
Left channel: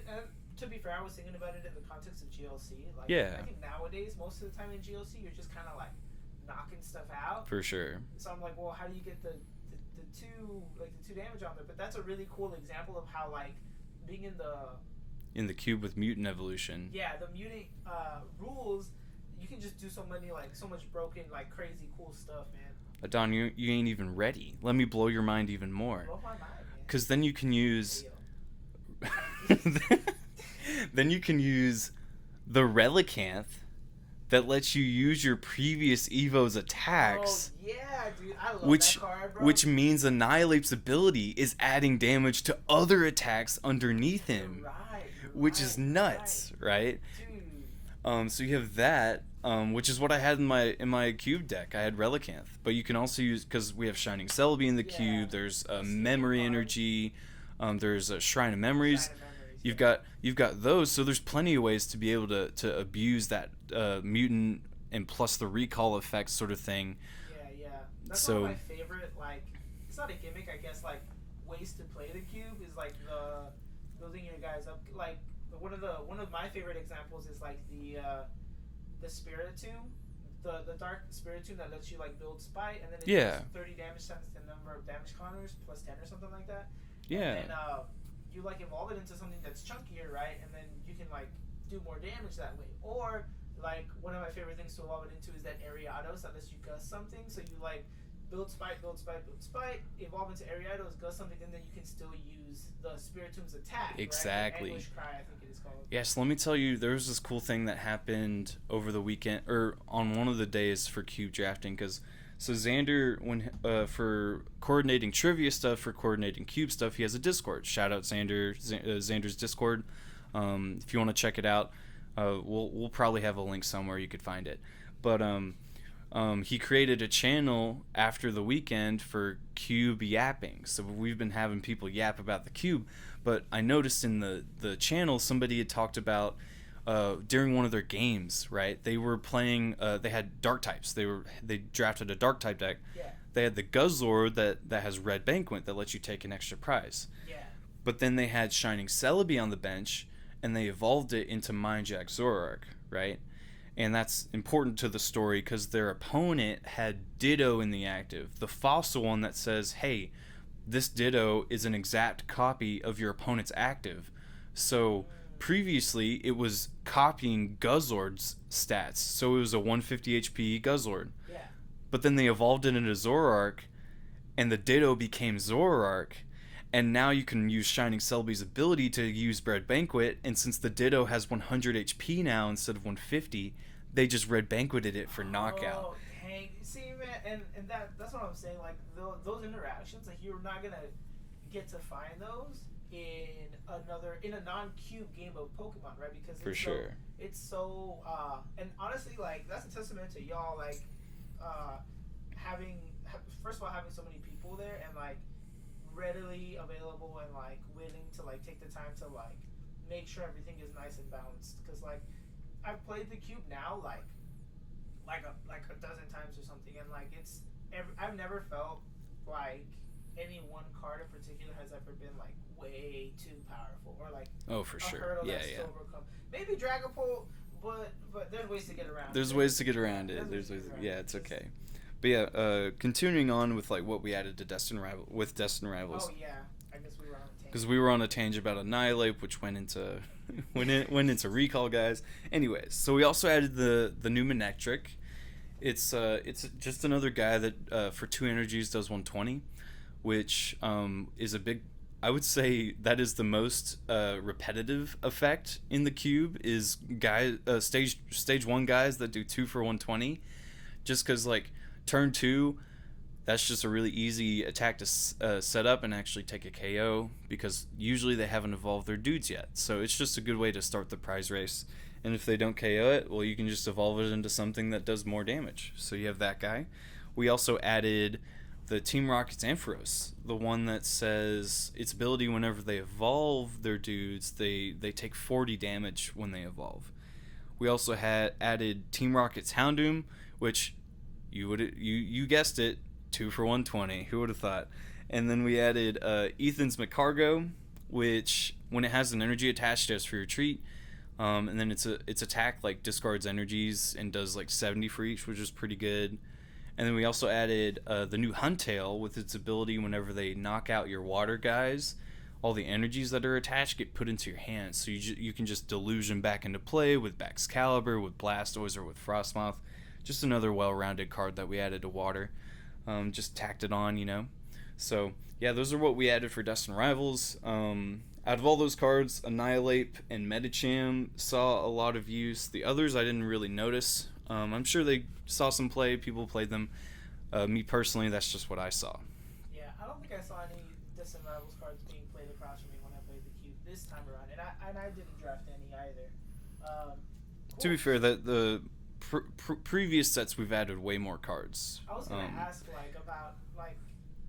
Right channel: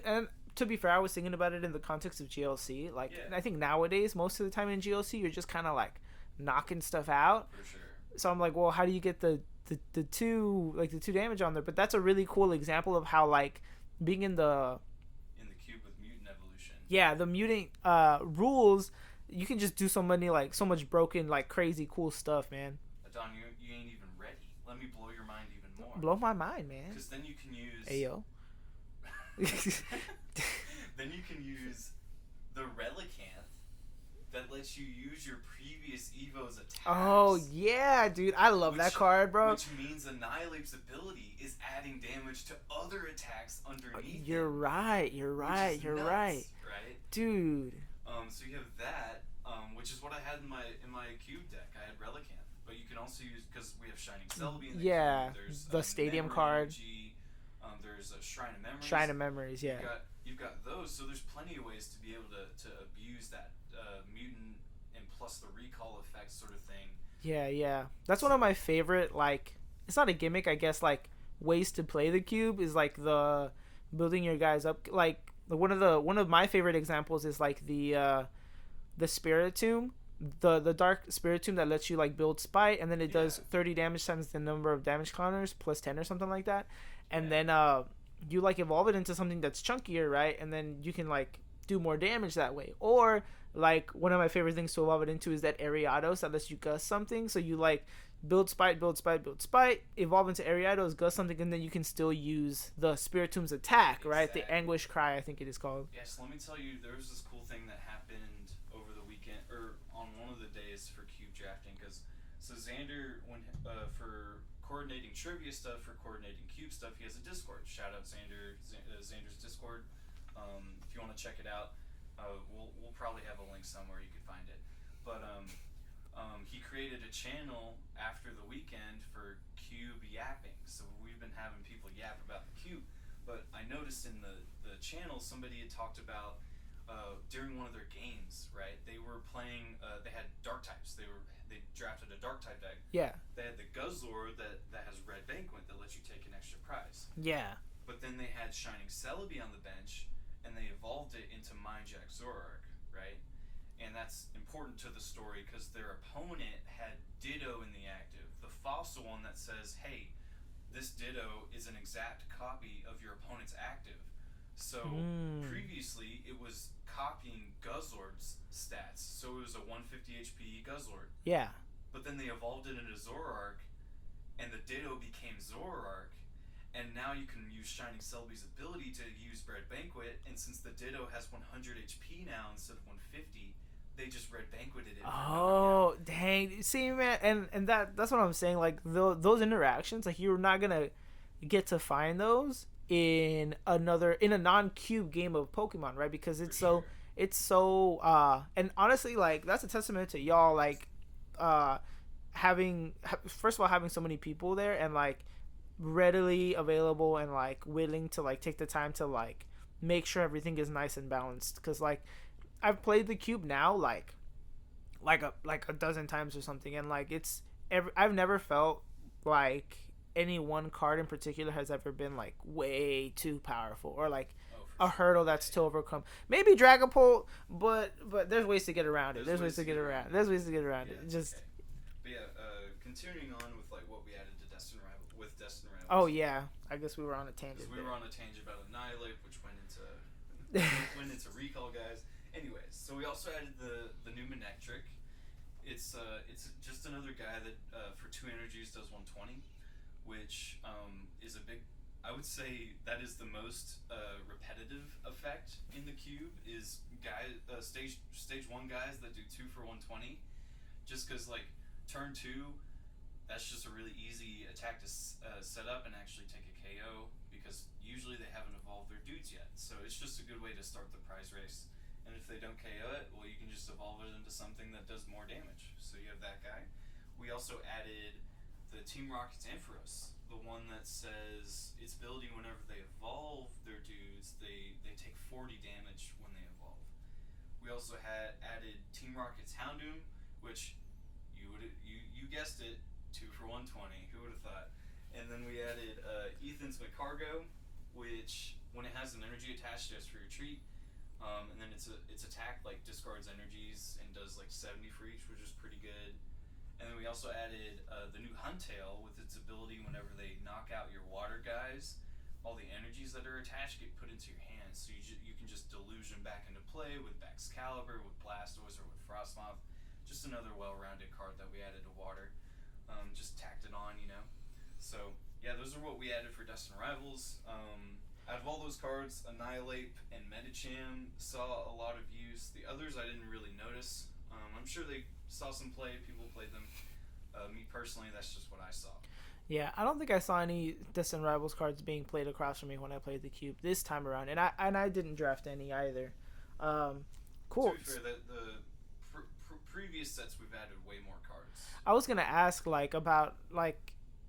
and to be fair, I was thinking about it in the context of GLC. Like, I think nowadays, most of the time in GLC, you're just kind of, like, knocking stuff out. For sure. So I'm like, well, how do you get the 2 damage on there? But that's a really cool example of how, like, being in the cube with mutant evolution, the mutant rules, you can just do so much broken, like, crazy cool stuff, man. Don, you ain't even ready. Let me blow your mind even more. Blow my mind, man. Because then you can use then you can use the Relicanth that lets you use your previous Evo's attacks. Oh, yeah, dude. I love that card, bro. Which means Annihilate's ability is adding damage to other attacks underneath him. You're right. Which is nuts, right? Dude. So you have that, which is what I had in my cube deck. I had Relicanth. But you can also use, because we have Shining Celebi in the cube, there's a Memory card. Energy, there's a Shrine of Memories. Yeah. You've got those, so there's plenty of ways to be able to abuse that mutant and plus the recall effect sort of thing. Yeah. That's one of my favorite, like, it's not a gimmick, I guess, like, ways to play the cube is, like, the building your guys up. Like, one of my favorite examples is, like, the Spiritomb. The dark Spiritomb that lets you, like, build Spite, and then it does 30 damage times the number of damage counters plus 10 or something like that. And then you, like, evolve it into something that's chunkier, right? And then you can, like, do more damage that way. Or, like, one of my favorite things to evolve it into is that Ariados that lets you gust something. So you, like, build spite, build spite, build spite, evolve into Ariados, go something, and then you can still use the Spiritom's attack, right? The Anguish Cry, I think it is called. Yes, let me tell you, there was this cool thing that happened over the weekend, or on one of the days for cube drafting, because so Xander, when for coordinating trivia stuff, for coordinating cube stuff, he has a Discord. Shout out Xander, Xander's Discord. If you want to check it out, we'll probably have a link somewhere you could find it. But he created a channel after the weekend for cube yapping. So we've been having people yap about the cube. But I noticed in the channel somebody had talked about during one of their games, right? They were playing. They had dark types. They drafted a dark type deck. Yeah. They had the Guzzlord that has Red Banquet that lets you take an extra prize. Yeah. But then they had Shining Celebi on the bench, and they evolved it into Mindjack Zoroark, right? And that's important to the story because their opponent had Ditto in the active, the fossil one that says, "Hey, this Ditto is an exact copy of your opponent's active." So previously it was copying Guzzlord's stats. So it was a 150 HP Guzzlord. Yeah. But then they evolved it into Zoroark, and the Ditto became Zoroark. And now you can use Shining Celebi's ability to use Red Banquet, and since the Ditto has 100 HP now instead of 150, they just Red Banqueted it for knockout. Oh, dang. See, man, and that's what I'm saying. Like, those interactions, like, you're not going to get to find those in a non-cube game of Pokemon, right? Because it's and honestly, like, that's a testament to y'all, like, first of all, having so many people there, and, like, readily available and like willing to like take the time to like make sure everything is nice and balanced, because like I've played the cube now like a dozen times or something, and like I've never felt like any one card in particular has ever been like way too powerful or like a hurdle that's to overcome. Maybe Dragapult, but there's ways to get around it. There's ways to get around it. There's ways to get around it. Yeah, it's okay. But yeah, continuing on with like what we added to Destined Rivals. Oh yeah, I guess we were on a tangent. Because we were on a tangent about Annihilate, which went into went into Recall, guys. Anyways, so we also added the new Manectric. It's just another guy that for 2 energies does 120, which is a big. I would say that is the most repetitive effect in the cube is stage 1 guys that do 2 for 120, just because like. Turn 2, that's just a really easy attack to set up and actually take a KO, because usually they haven't evolved their dudes yet. So it's just a good way to start the prize race. And if they don't KO it, well, you can just evolve it into something that does more damage. So you have that guy. We also added the Team Rocket's Ampharos, the one that says its ability whenever they evolve their dudes, they take 40 damage when they evolve. We also had added Team Rocket's Houndoom, which... You guessed it, 2 for 120. Who would have thought? And then we added Ethan's McCargo, which when it has an energy attached, does for your treat. And then its attack like discards energies and does like 70 for each, which is pretty good. And then we also added the new Huntail with its ability whenever they knock out your water guys, all the energies that are attached get put into your hands. So you can just delusion back into play with Baxcalibur, with Blastoise, or with Frostmoth. Just another well-rounded card that we added to Water. Just tacked it on, you know. So, yeah, those are what we added for Destined Rivals. Out of all those cards, Annihilate and Medicham saw a lot of use. The others I didn't really notice. I'm sure they saw some play. People played them. Me personally, that's just what I saw. Yeah, I don't think I saw any Destined Rivals cards being played across from me when I played the cube this time around. And I didn't draft any either. Cool. To be fair, the previous sets we've added way more cards. I was gonna ask like about like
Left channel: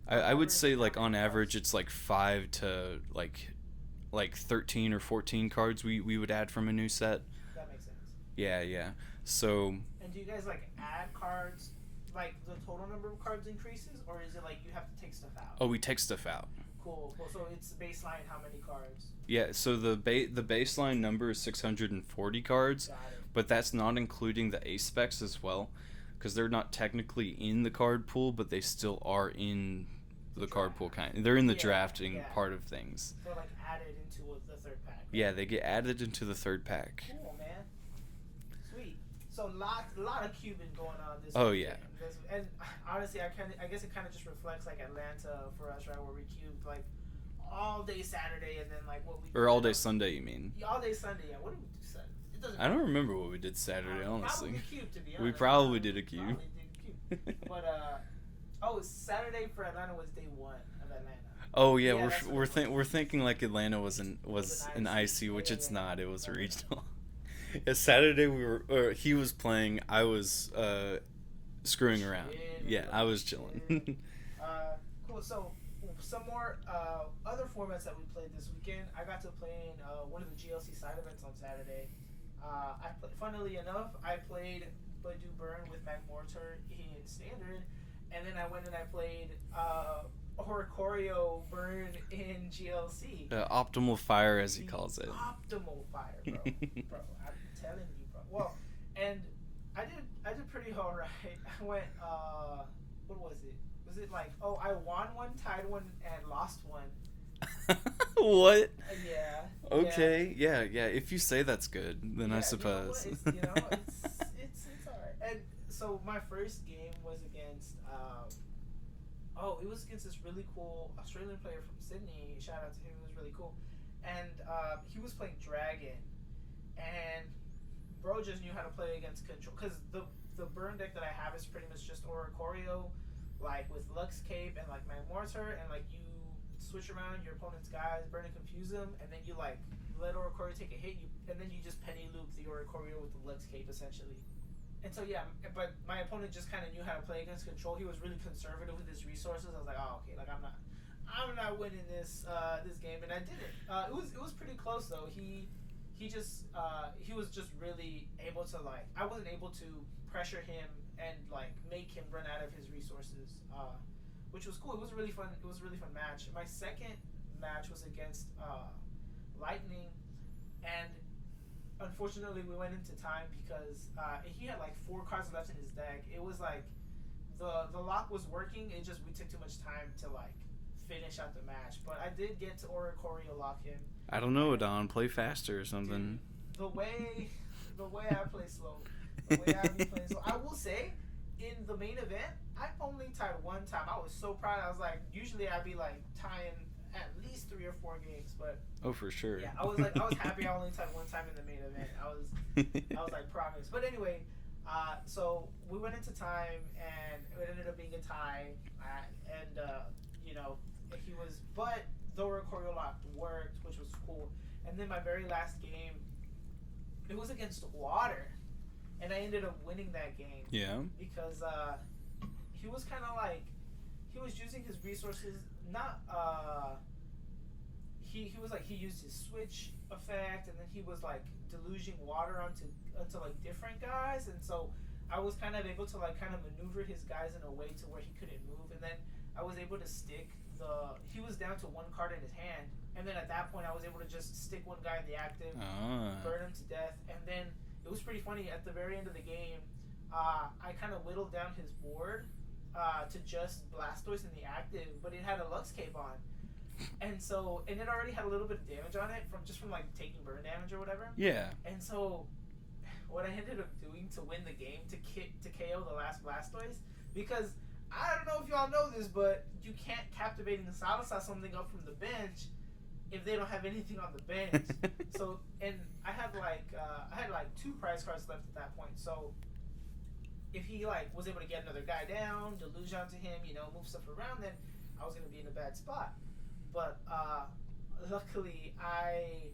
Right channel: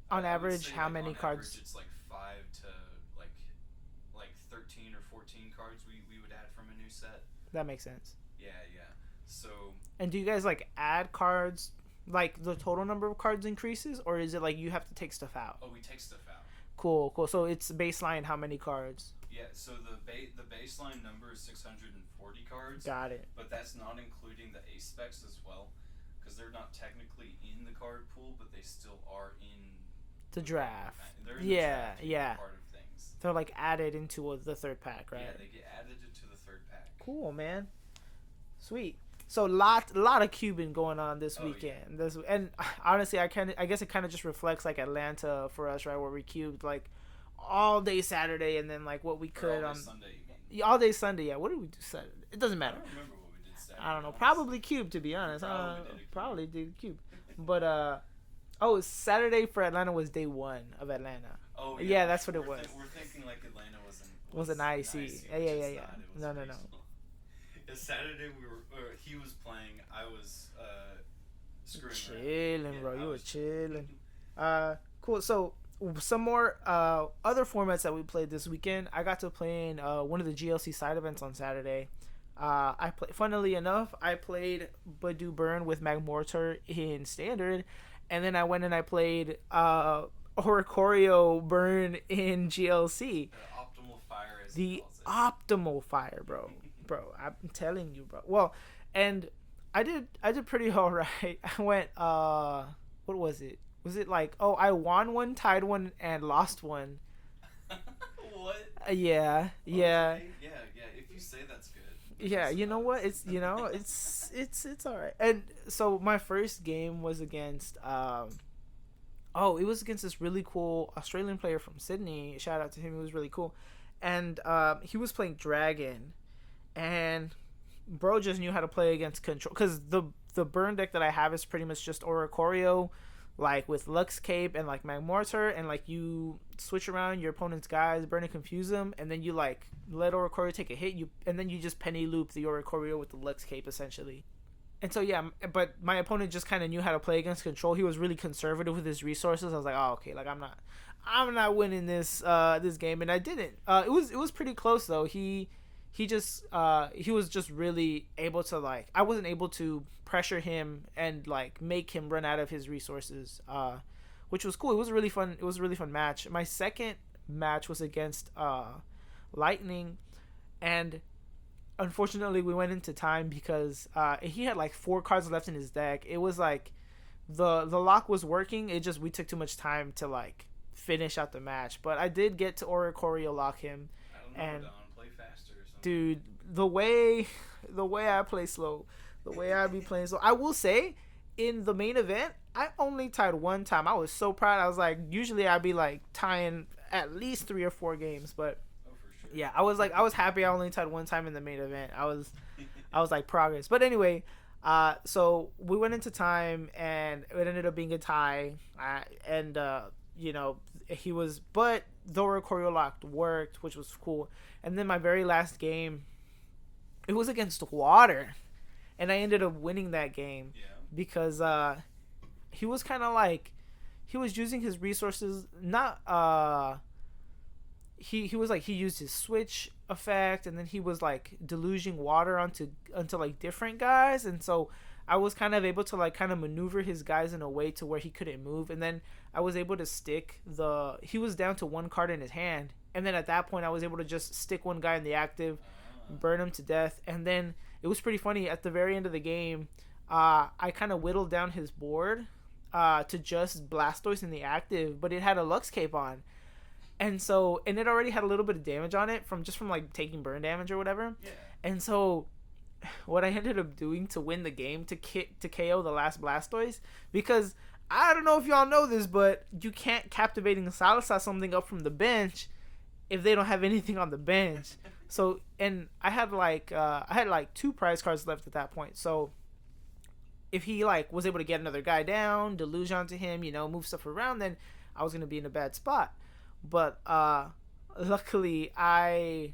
I would say like on average it's like 5 to like 13 or 14 cards we would add from a new set. That makes sense. Yeah. So and do you guys like add cards, like the total number of cards increases, or is it like you have to take stuff out? Oh, we take stuff out. Cool. So it's baseline how many cards? Yeah, so the baseline number is 640 cards. Got it. But that's not including the ace specs as well, because they're not technically in the card pool, but they still are in the card pool kind. They're in the drafting part of things. They're like added into the third pack, right? Yeah, they get added into the third pack. Cool, man. Sweet. So lot of Cuban going on this Oh weekend. yeah. And honestly, I guess it kind of just reflects like Atlanta for us, right? Where we cubed like all day Saturday, and then like what we could Or all day on, Sunday, you mean? all day Sunday. Yeah, what did we do Saturday? It doesn't I matter. don't remember what we did Saturday. I don't know. Honestly. Probably cube, to be We honest. probably did a cube. Probably did a cube. But oh, Saturday for Atlanta was day one of Atlanta. Oh yeah, Yeah, that's what it was. we're thinking like Atlanta was an IC, which Yeah, it's yeah. not. It was No, a no, no. regional. Yeah, Saturday he was playing. I was screwing around. Chilling, Yeah, bro, I you was chilling. Cool. So some more other formats that we played this weekend. I got to play in one of the GLC side events on Saturday. I play. Funnily enough, I played Badu Burn with Magmortar in standard, and then I went and I played Oricorio Burn in GLC. Optimal fire, as he The calls it. optimal fire, bro. Bro, I'm telling you, bro. Well, and I did pretty all right. I went what was it? Was it like, oh, I won one, tied one, and lost one? What? Yeah. Okay. Yeah. If you say that's good, then I Yeah, suppose. you know what? It's all right. And so my first game was against it was against this really cool Australian player from Sydney. Shout out to him. He was really cool. And he was playing Dragon, and bro just knew how to play against control, cuz the burn deck that I have is pretty much just Oricorio, like with Lux Cape and like Magmortar, and like you switch around your opponent's guys, burn and confuse them, and then you like let Oricorio take a hit, and then you just penny loop the Oricorio with the Lux Cape essentially. And so yeah, but my opponent just kind of knew how to play against control. He was really conservative with his resources. I was like, oh okay, like I'm not winning this this game, and I didn't. It was pretty close though. He was just really able to, like, I wasn't able to pressure him and like make him run out of his resources, which was cool. It was a really fun match. My second match was against Lightning, and unfortunately we went into time because he had like 4 cards left in his deck. It was like the lock was working, it just, we took too much time to like finish out the match, but I did get to Oricorio lock him. I don't know, Don. Play faster or something. Dude, the way I play slow, the way I be playing slow. I will say, in the main event, I only tied one time. I was so proud. I was like, usually I'd be like tying at least 3 or 4 games, but oh, for sure. yeah, I was happy I only tied one time in the main event. I was like, progress. But anyway, so we went into time and it ended up being a tie, and you know, but the Oricorio lock worked, which was cool. And then my very last game, it was against Water, and I ended up winning that game. Yeah. Because he was kind of like, he was using his resources, not he was like, he used his switch effect, and then he was like deluging water onto like different guys, and so I was kind of able to like kind of maneuver his guys in a way to where he couldn't move, and then I was able to stick he was down to 1 card in his hand, and then at that point I was able to just stick one guy in the active, burn him to death, and then it was pretty funny at the very end of the game. I kind of whittled down his board to just Blastoise in the active, but it had a Lux Cape on, and it already had a little bit of damage on it from like taking burn damage or whatever. Yeah. And so what I ended up doing to win the game, to KO the last Blastoise, because I don't know if y'all know this, but you can't Captivating Salsa something up from the bench if they don't have anything on the bench. So, and I had like 2 prize cards left at that point. So if he like was able to get another guy down, deluge onto him, you know, move stuff around, then I was gonna be in a bad spot. But luckily I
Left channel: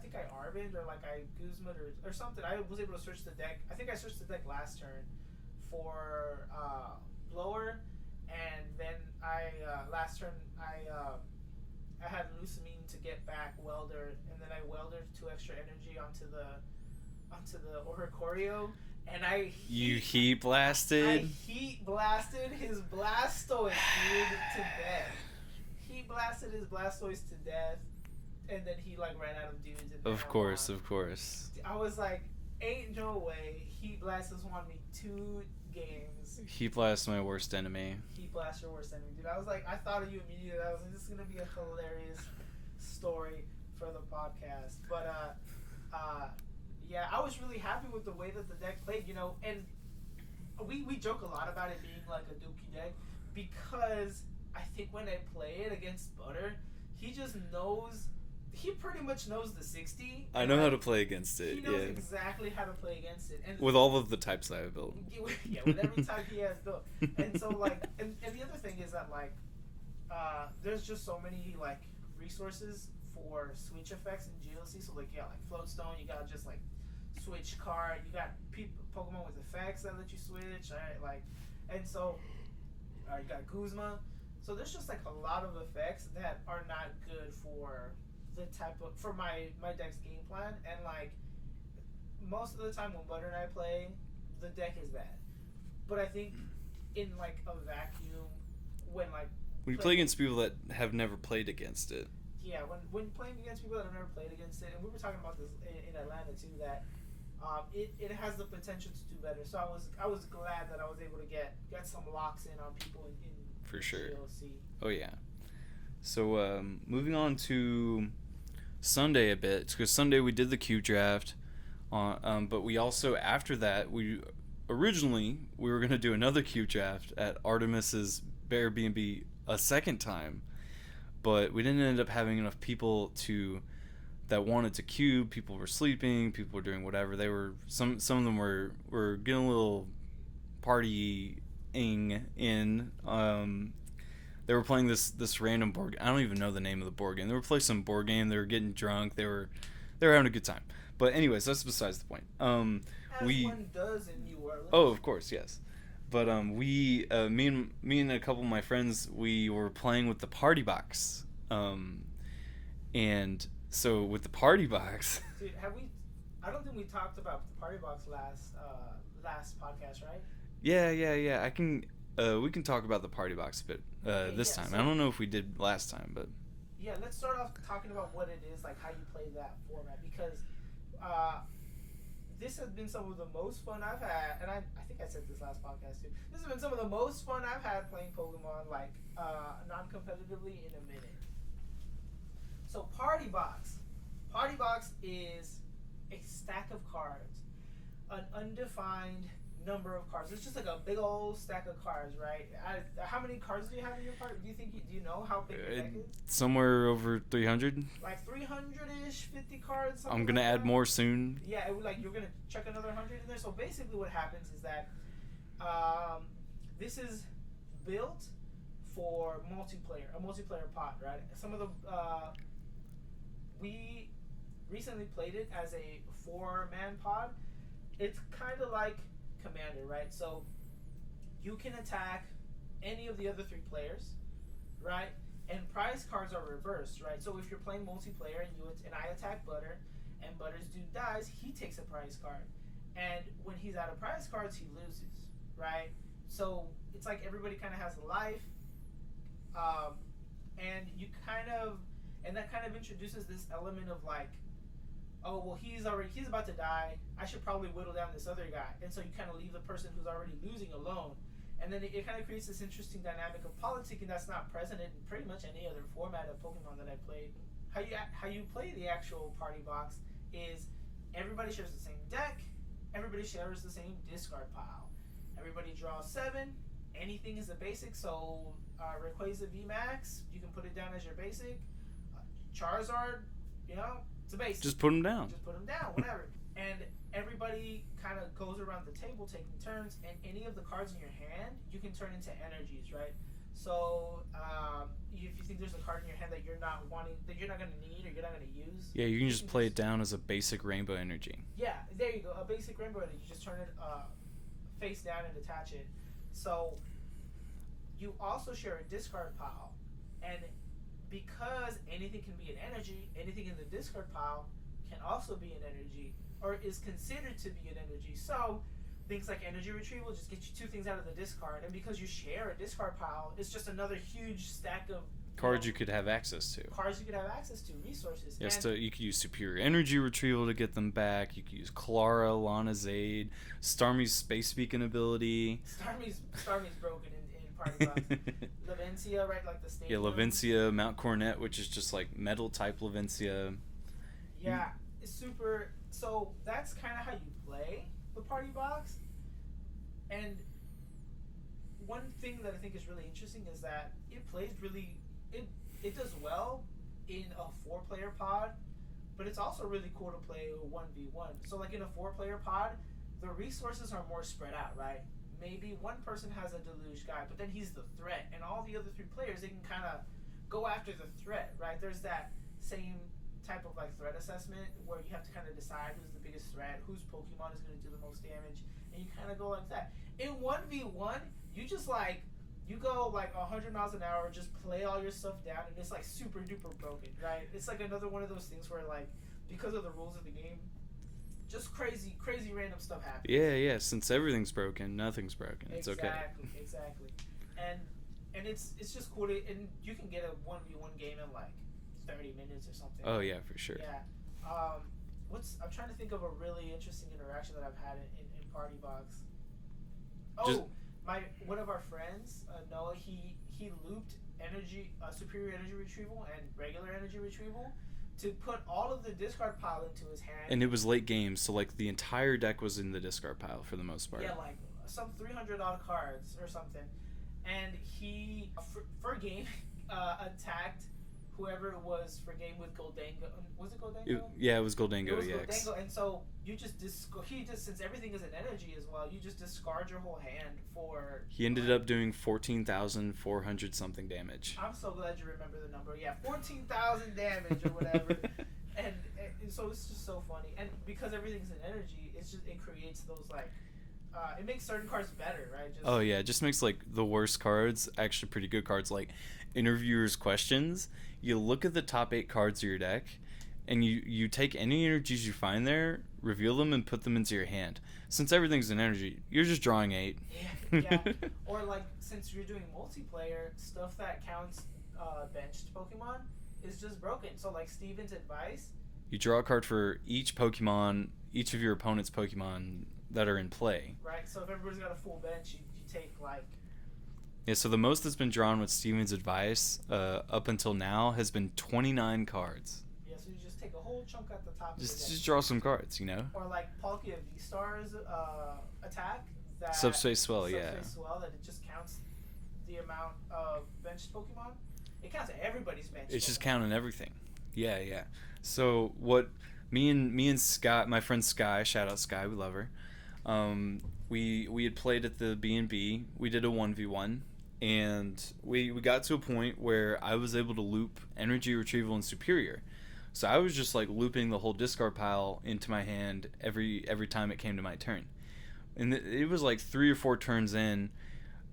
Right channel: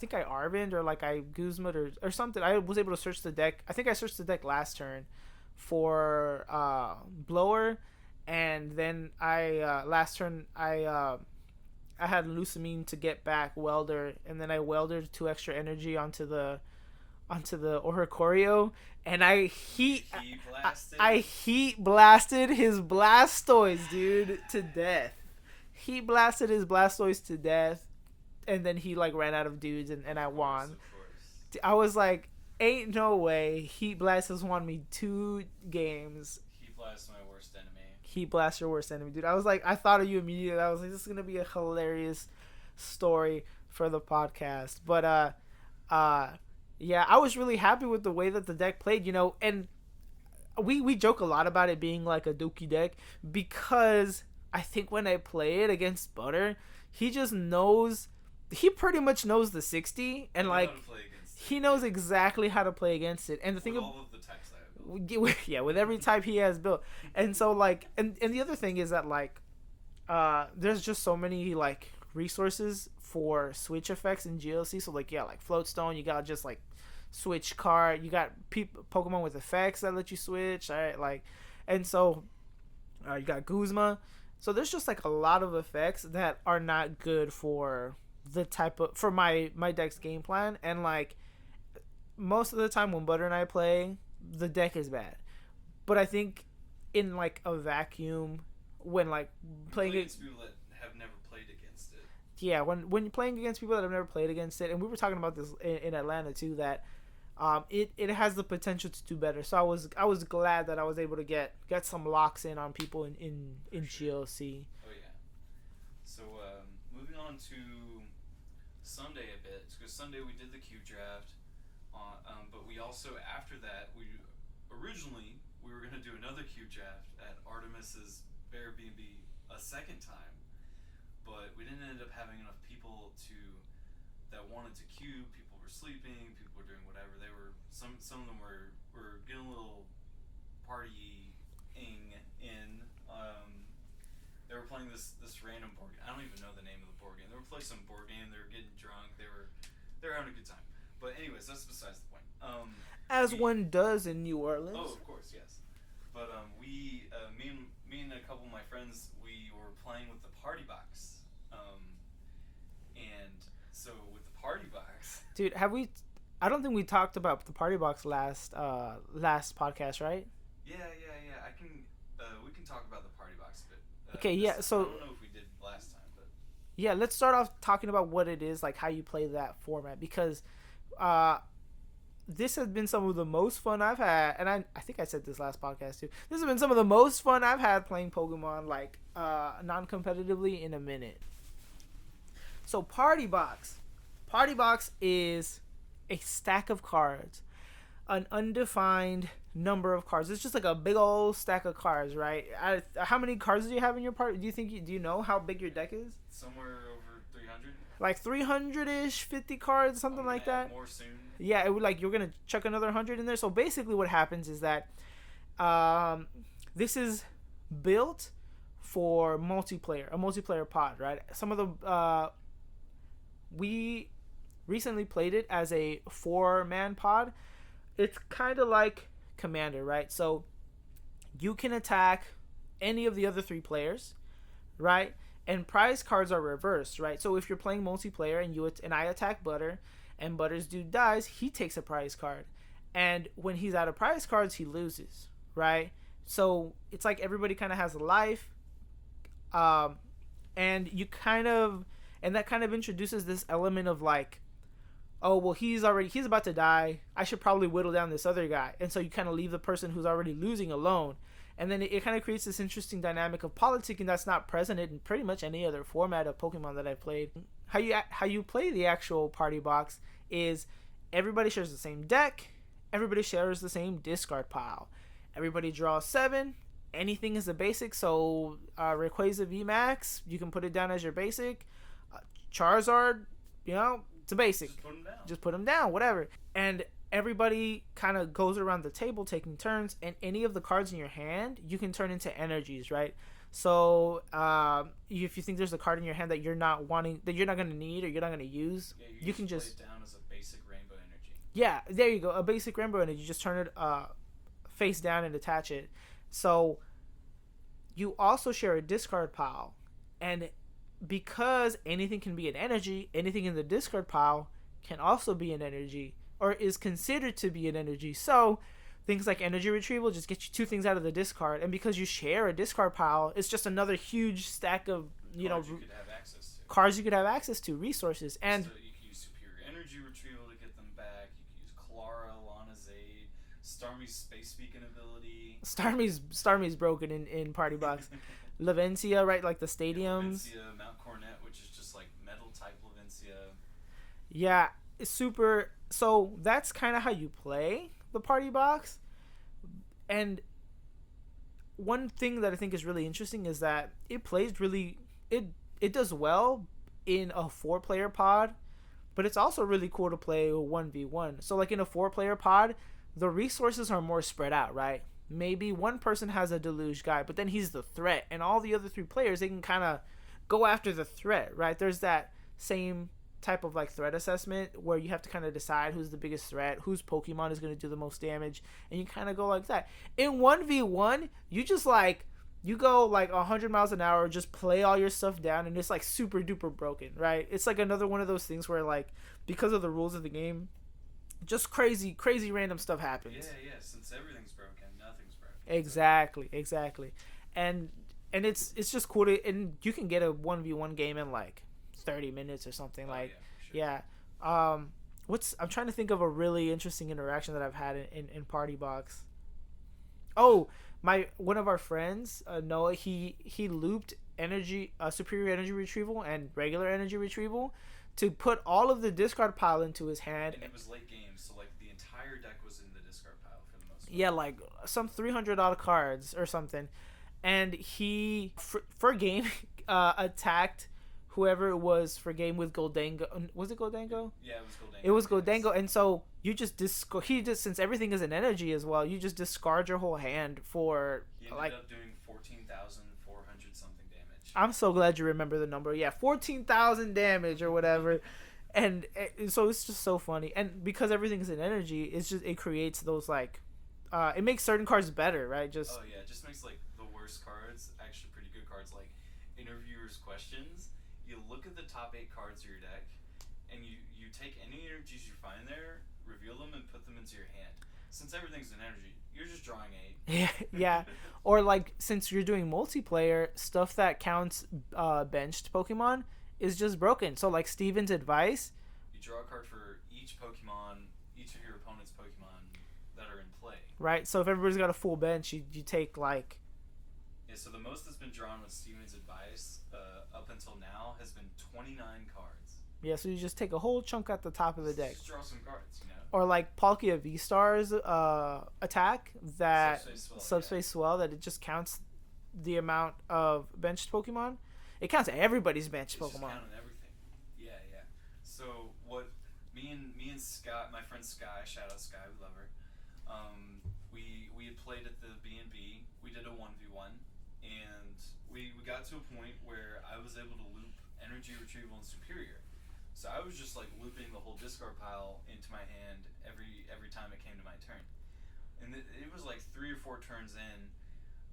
think I Arvind or like I Guzma or something. I was able to search the deck. I think I searched the deck last turn for Blower, and then last turn I had Lucamine to get back Welder, and then I welded 2 extra energy onto the Oricorio, and I heat blasted his Blastoise, dude, to death. He blasted his Blastoise to death, and then he like ran out of dudes, and I won. Of course. I was like, ain't no way Heat Blast has won me 2 games. Heat Blast is my worst enemy. Heat Blast your worst enemy, dude. I was like, I thought of you immediately. I was like, this is gonna be a hilarious story for the podcast. But Yeah, I was really happy with the way that the deck played, and we joke a lot about it being like a Dookie deck because I think when I play it against Butter, he just knows. He pretty much knows the 60, I and know like how to play against it. he knows exactly how to play against it, and with all of the types I have built. Yeah, with every type he has built, and so like, and the other thing is that like, there's just so many like resources for switch effects in GLC. So like, yeah, like Floatstone, you got just like switch card, you got Pokemon with effects that let you switch, all right, like, and so you got Guzma. So there's just like a lot of effects that are not good for the type of for my deck's game plan, and like most of the time when Butter and I play, the deck is bad. But I think in like a vacuum, when like we play against people that have never played against it. Yeah, when you're playing against people that have never played against it, and we were talking about this in Atlanta too, that it has the potential to do better. So I was glad that I was able to get some locks in on people in sure. GLC. Oh yeah. So moving on to Sunday a bit, because Sunday we did the Q draft, but we also after that we were gonna do another Q draft at Artemis's Airbnb a second time, but we didn't end up having enough people that wanted to queue. People were sleeping, people were doing whatever. They were some of them were getting a little partying in. They were playing this random board. I don't even know the name of the board game. They were playing some board game. They were getting drunk. They were having a good time. But anyways, that's besides the point. As one does in New Orleans. Oh, of course, yes. But me and a couple of my friends, we were playing with the party box. And so with the party box, dude, I don't think we talked about the party box last podcast, right? Yeah. I can. We can talk about the party box a bit this time. So, I don't know if we did last time, but yeah, let's start off talking about what it is, like how you play that format, because this has been some of the most fun I've had, and I think I said this last podcast too. This has been some of the most fun I've had playing Pokemon, like non-competitively, in a minute. So Party Box is a stack of cards, an undefined number of cards. It's just like a big old stack of cards, right? How many cards do you have in your party? Do you know how big your deck is? Somewhere over 300. Like 300-ish, 50 cards, something like that. I'm gonna add more soon. Yeah, it would, like, you're gonna chuck another 100 in there. So basically, what happens is that this is built for a multiplayer pod, right? Some of the we recently played it as a 4-man pod. It's kind of like Commander, right? So you can attack any of the other 3 players, right? And prize cards are reversed, right? So if you're playing multiplayer and I attack Butter, and Butter's dude dies, he takes a prize card, and when he's out of prize cards, he loses, right? So it's like everybody kind of has a life, and that kind of introduces this element of like, oh, well, he's about to die, I should probably whittle down this other guy. And so you kind of leave the person who's already losing alone. And then it kind of creates this interesting dynamic of politicking that's not present in pretty much any other format of Pokemon that I've played. How you play the actual party box is everybody shares the same deck, everybody shares the same discard pile. Everybody draws 7. Anything is a basic, so Rayquaza VMAX, you can put it down as your basic. Charizard, it's a basic. Just put them down. Whatever. And everybody kind of goes around the table taking turns, and any of the cards in your hand you can turn into energies, right? So if you think there's a card in your hand that you're not going to need or you're not going to use, you can just play it down as a basic rainbow energy. Yeah, there you go, a basic rainbow energy. You just turn it face down and attach it. So you also share a discard pile, and because anything can be an energy, anything in the discard pile can also be an energy, or is considered to be an energy. So things like energy retrieval just get you 2 things out of the discard, and because you share a discard pile, it's just another huge stack of cards you could have access to. Resources. Yes, and you could use superior energy retrieval to get them back. You could use Clara, Lana's Aid, Starmie's space beacon ability. Starmie's broken in Party Box. Lavencia, right? Like the stadiums. Yeah, Lavencia, Mount Coronet, which is just like metal type Lavencia. Yeah, it's super. So that's kind of how you play the party box. And one thing that I think is really interesting is that it plays really it it does well in a 4-player pod, but it's also really cool to play 1v1. So like in a 4-player pod, the resources are more spread out, right? Maybe one person has a deluge guy, but then he's the threat, and all the other 3 players, they can kind of go after the threat, right? There's that same type of like threat assessment where you have to kind of decide who's the biggest threat, whose Pokemon is going to do the most damage, and you kind of go like that. In 1v1, you just like you go like 100 miles an hour, just play all your stuff down, and it's like super duper broken, right? It's like another one of those things where like because of the rules of the game, just crazy random stuff happens. Yeah. Since everything's broken, nothing's broken. Exactly, exactly. And it's just cool to, and you can get a 1v1 game in like 30 minutes or something. Oh like, yeah, for sure. Yeah. I'm trying to think of a really interesting interaction that I've had in Party Box. Oh, one of our friends, Noah, he looped superior energy retrieval and regular energy retrieval to put all of the discard pile into his hand. And it was late game, so like the entire deck was in the discard pile for the most part. Yeah, like some 300 odd cards or something. And he, for game, attacked whoever it was for game with Goldango. Was it Goldango? Yeah, it was Goldango. It was Goldango, and so you just since everything is an energy as well, you just discard your whole hand for. He ended up doing 14,400 something damage. I'm so glad you remember the number. Yeah, 14,000 damage or whatever. and so it's just so funny, and because everything's an energy, it creates those like. It makes certain cards better, right? Oh yeah, it just makes like the worst cards actually pretty good cards. Like Interviewer's Questions, you look at the top 8 cards of your deck, and you take any energies you find there, reveal them, and put them into your hand. Since everything's an energy, you're just drawing 8. Yeah. Or like since you're doing multiplayer, stuff that counts benched Pokemon is just broken. So like Steven's advice, you draw a card for each of your opponent's Pokemon that are in play. Right, so if everybody's got a full bench, you take like... Yeah, so the most that's been drawn with Steven's advice up until now has been 29 cards. Yeah, so you just take a whole chunk at the top of the deck. Just draw some cards, you know? Or like Palkia V-Star's attack, that... Subspace Swell, that it just counts the amount of benched Pokemon. It counts everybody's benched Pokemon. It's just counting everything. Yeah. So what me and Sky, my friend Sky, shout out Sky, we love her. We had played at the B&B. We did a 1v1, and we got to a point where I was able to loop energy retrieval and superior. So I was just like looping the whole discard pile into my hand every time it came to my turn. And it was like 3 or 4 turns in.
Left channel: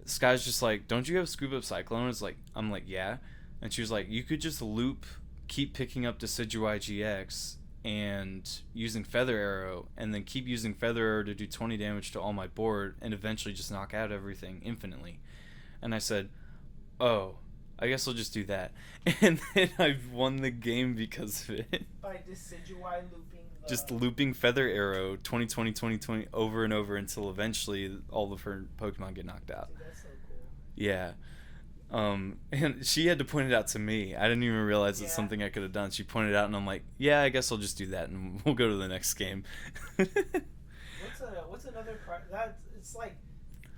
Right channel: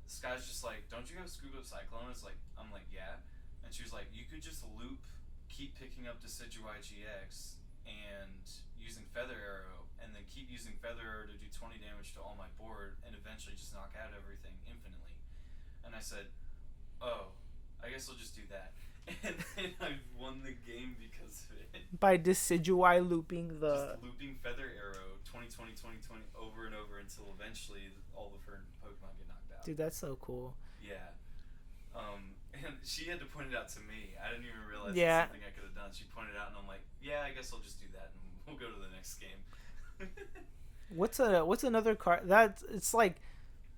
Sky's just like, "Don't you have Scoop Up Cyclone?" I'm like, "Yeah." And she was like, "You could just loop, keep picking up Decidueye GX and using Feather Arrow, and then keep using Feather Arrow to do 20 damage to all my board, and eventually just knock out everything infinitely." And I said, "Oh, I guess I'll just do that." And then I won the game because of it. By Decidueye looping the... Just looping Feather Arrow 20 over and over until eventually all of her Pokemon get knocked out. Dude, that's so cool. Yeah. And she had to point it out to me. I didn't even realize it's something I could have done. She pointed it out, and I'm like, "Yeah, I guess I'll just do that, and we'll go to the next game." What's another card that it's like,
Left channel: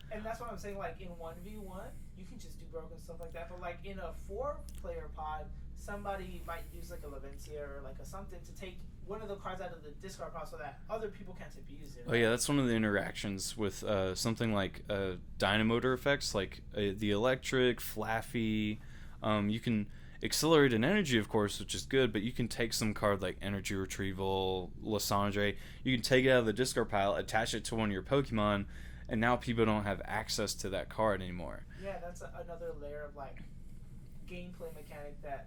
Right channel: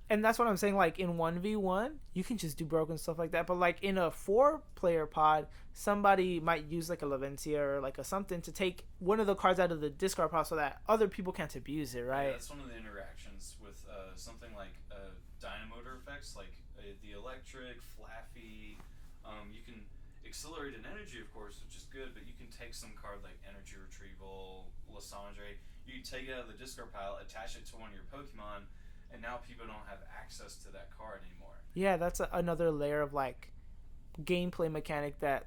and that's what I'm saying. Like in 1v1, you can just do broken stuff like that. But like in a 4-player pod, somebody might use like a Laventia or like a something to take one of the cards out of the discard pile so that other people can't abuse it, right? Oh yeah, that's one of the interactions with something like Dynamotor effects, like the Electric, Flaffy. You can accelerate an energy, of course, which is good, but you can take some card like Energy Retrieval, Lysandre. You can take it out of the discard pile, attach it to one of your Pokemon, and now people don't have access to that card anymore. Yeah, that's another layer of like gameplay mechanic that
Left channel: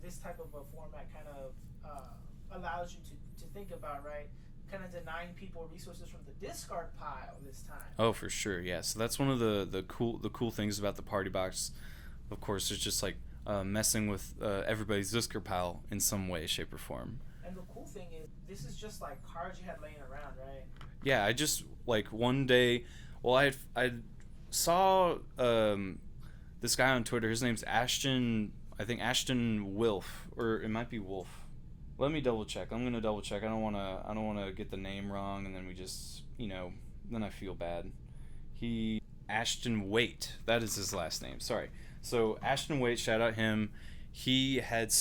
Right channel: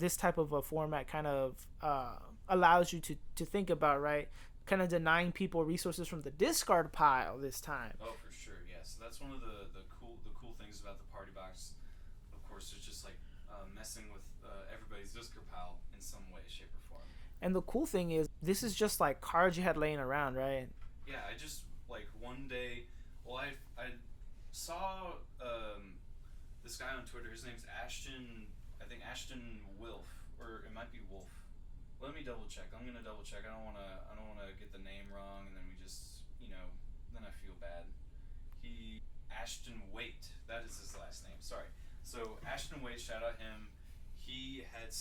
this type of a format kind of allows you to think about, right? Kind of denying people resources from the discard pile this time. Oh, for sure, yeah. So that's one of the cool things about the party box. Of course, it's just like messing with everybody's discard pile in some way, shape, or form. And the cool thing is, this is just like cards you had laying around, right? Yeah, I just like one day. Well, I saw this guy on Twitter. His name's Ashton. I think Ashton Wilf, or it might be Wolf. Let me double check. I'm gonna double check. I don't wanna get the name wrong, and then we just then I feel bad. He Ashton Waite. That is his last name. Sorry. So Ashton Waite, shout out him. He had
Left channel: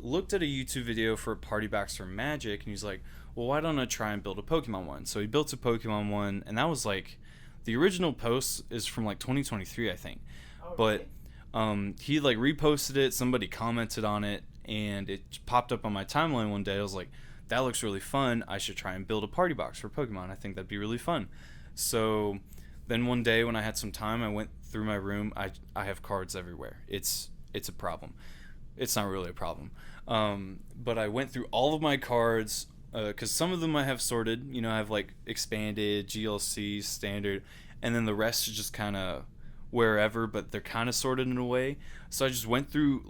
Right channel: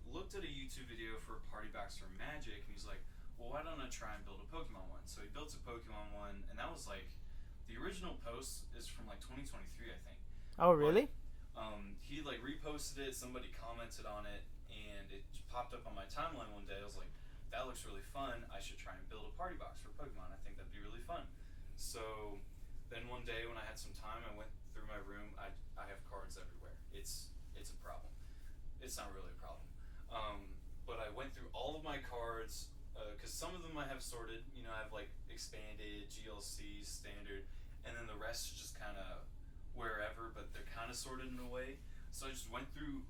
looked at a YouTube video for a party box for Magic, and he's like, "Well, why don't I try and build a Pokemon one?" So he built a Pokemon one, and that was like, the original post is from like 2023, I think. Oh, really? But he like reposted it. Somebody commented on it, and it popped up on my timeline one day. I was like, "That looks really fun. I should try and build a party box for Pokemon. I think that'd be really fun." So then one day when I had some time, I went through my room. I have cards everywhere. It's a problem. It's not really a problem. But I went through all of my cards, because some of them I have sorted. I have like expanded, GLC, standard, and then the rest is just kind of wherever, but they're kind of sorted in a way. So I just looked through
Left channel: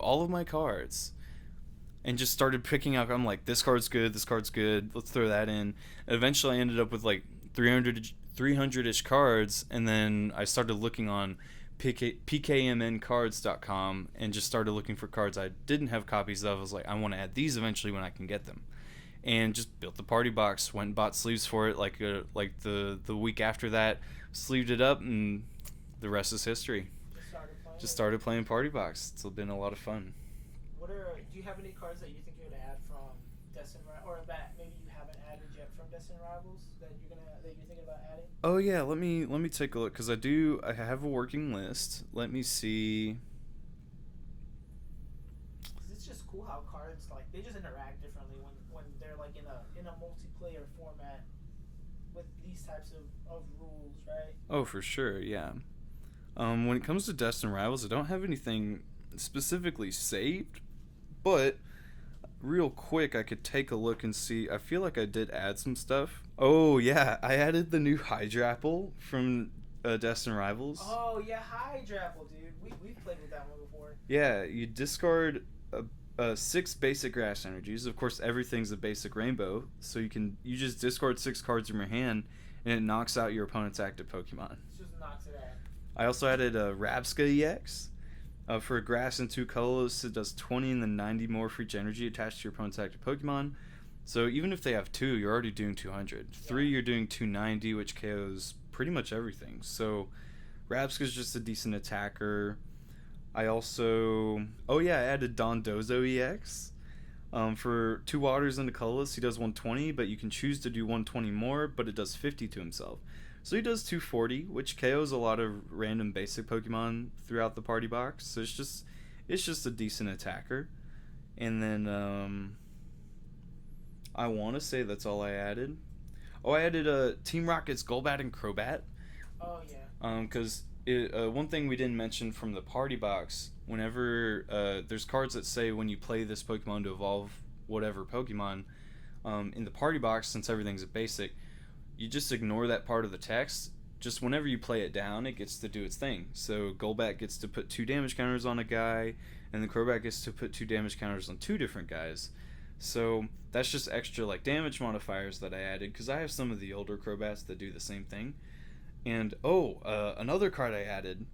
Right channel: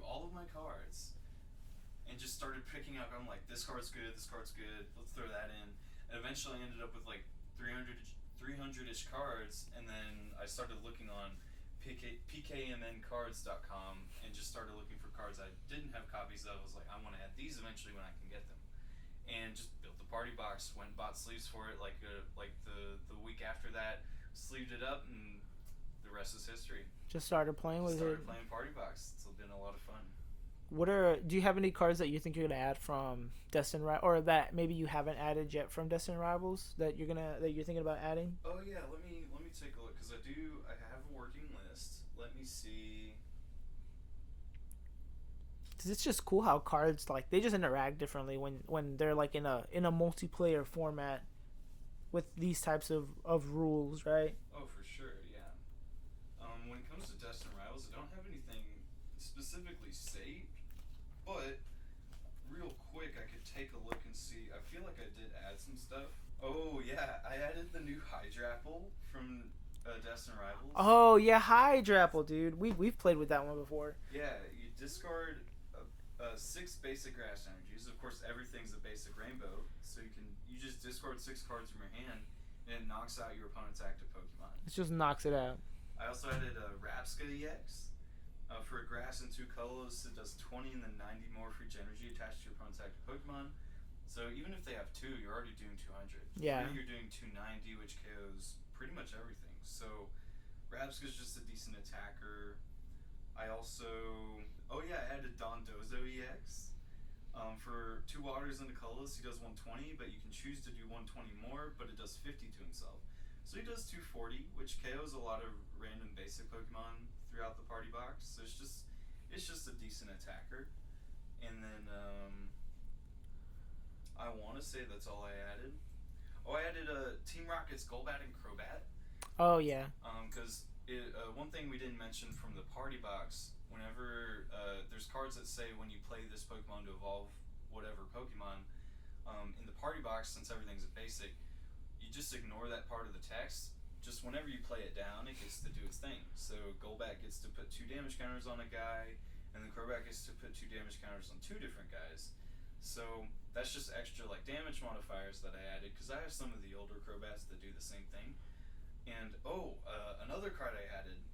all of my cards, and just started picking out. I'm like, this card's good, let's throw that in. And eventually I ended up with like 300-ish cards, and then I started looking on pkmncards.com and just started looking for cards I didn't have copies of. I was like, I want to add these eventually when I can get them, and just built the party box. Went and bought sleeves for it like the week after that, sleeved it up, and the rest is history. Just started playing. Playing party box. It's been a lot of fun. Do you have any cards that you think you're gonna add from Destined Rivals, or that maybe you haven't added yet from Destined Rivals that you're thinking about adding? Oh yeah, let me take a look, because I have a working list. Let me see. Because it's just cool how cards, like, they just interact differently when they're like in a multiplayer format with these types of rules, right? Oh, for sure, yeah. When it comes to Destined Rivals, I don't have anything specifically saved, but real quick I could take a look and see. I feel like I did add some stuff. Oh yeah, I added the new Hydrapple from Destined Rivals. Oh yeah, Hydrapple, dude. We've played with that one before. Yeah, you discard 6 basic grass energies. Of course, everything's a basic rainbow, so you just discard 6 cards from your hand, and it knocks out your opponent's active Pokemon. It just knocks it out. I also added a Rabska EX. For grass and 2 colors, it does 20 and then 90 more for each energy attached to your opponent's active Pokemon. So even if they have 2, you're already doing 200. Yeah. 3, you're doing 290, which KOs pretty much everything. So Rabska's just a decent attacker. I also... Oh yeah, I added Dondozo EX. For 2 waters and a colorless, he does 120, but you can choose to do 120 more, but it does 50 to himself. So he does 240, which KOs a lot of random basic Pokemon throughout the party box. So it's just a decent attacker. And then I want to say that's all I added. Oh, I added Team Rocket's Golbat and Crobat. Oh yeah. Because one thing we didn't mention from the party box, whenever there's cards that say when you play this Pokemon to evolve whatever Pokemon, in the party box, since everything's a basic, you just ignore that part of the text. Just whenever you play it down, it gets to do its thing. So Golbat gets to put 2 damage counters on a guy, and the Crobat gets to put 2 damage counters on 2 different guys. So that's just extra like damage modifiers that I added, because I have some of the older Crobats that do the same thing. And another card I added,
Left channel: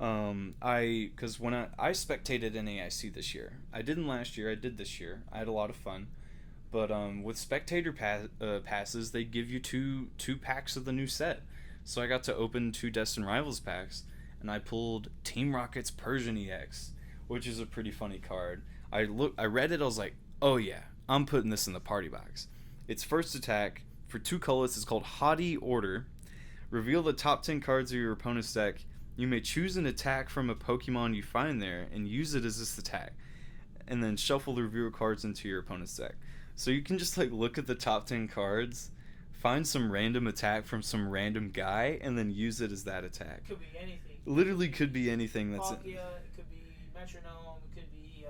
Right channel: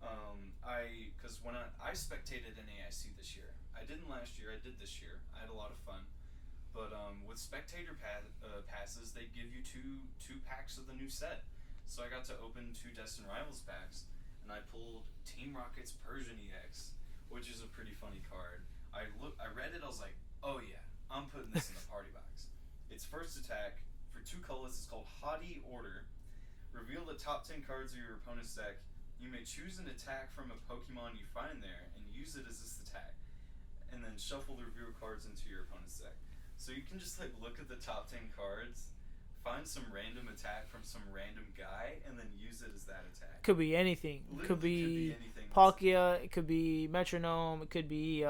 because when I spectated NAIC this year. I didn't last year, I did this year. I had a lot of fun. But with spectator passes, they give you two packs of the new set. So I got to open 2 Destined Rivals packs, and I pulled Team Rocket's Persian EX, which is a pretty funny card. I read it, I was like, oh yeah, I'm putting this in the party box. Its first attack, for 2 colors, is called Haughty Order. Reveal the top 10 cards of your opponent's deck. You may choose an attack from a Pokemon you find there, and use it as this attack. And then shuffle the reveal cards into your opponent's deck. So you can just like look at the top 10 cards, find some random attack from some random guy, and then use it as that attack. Could be anything. Literally could be anything. Palkia, it could be Metronome, it could be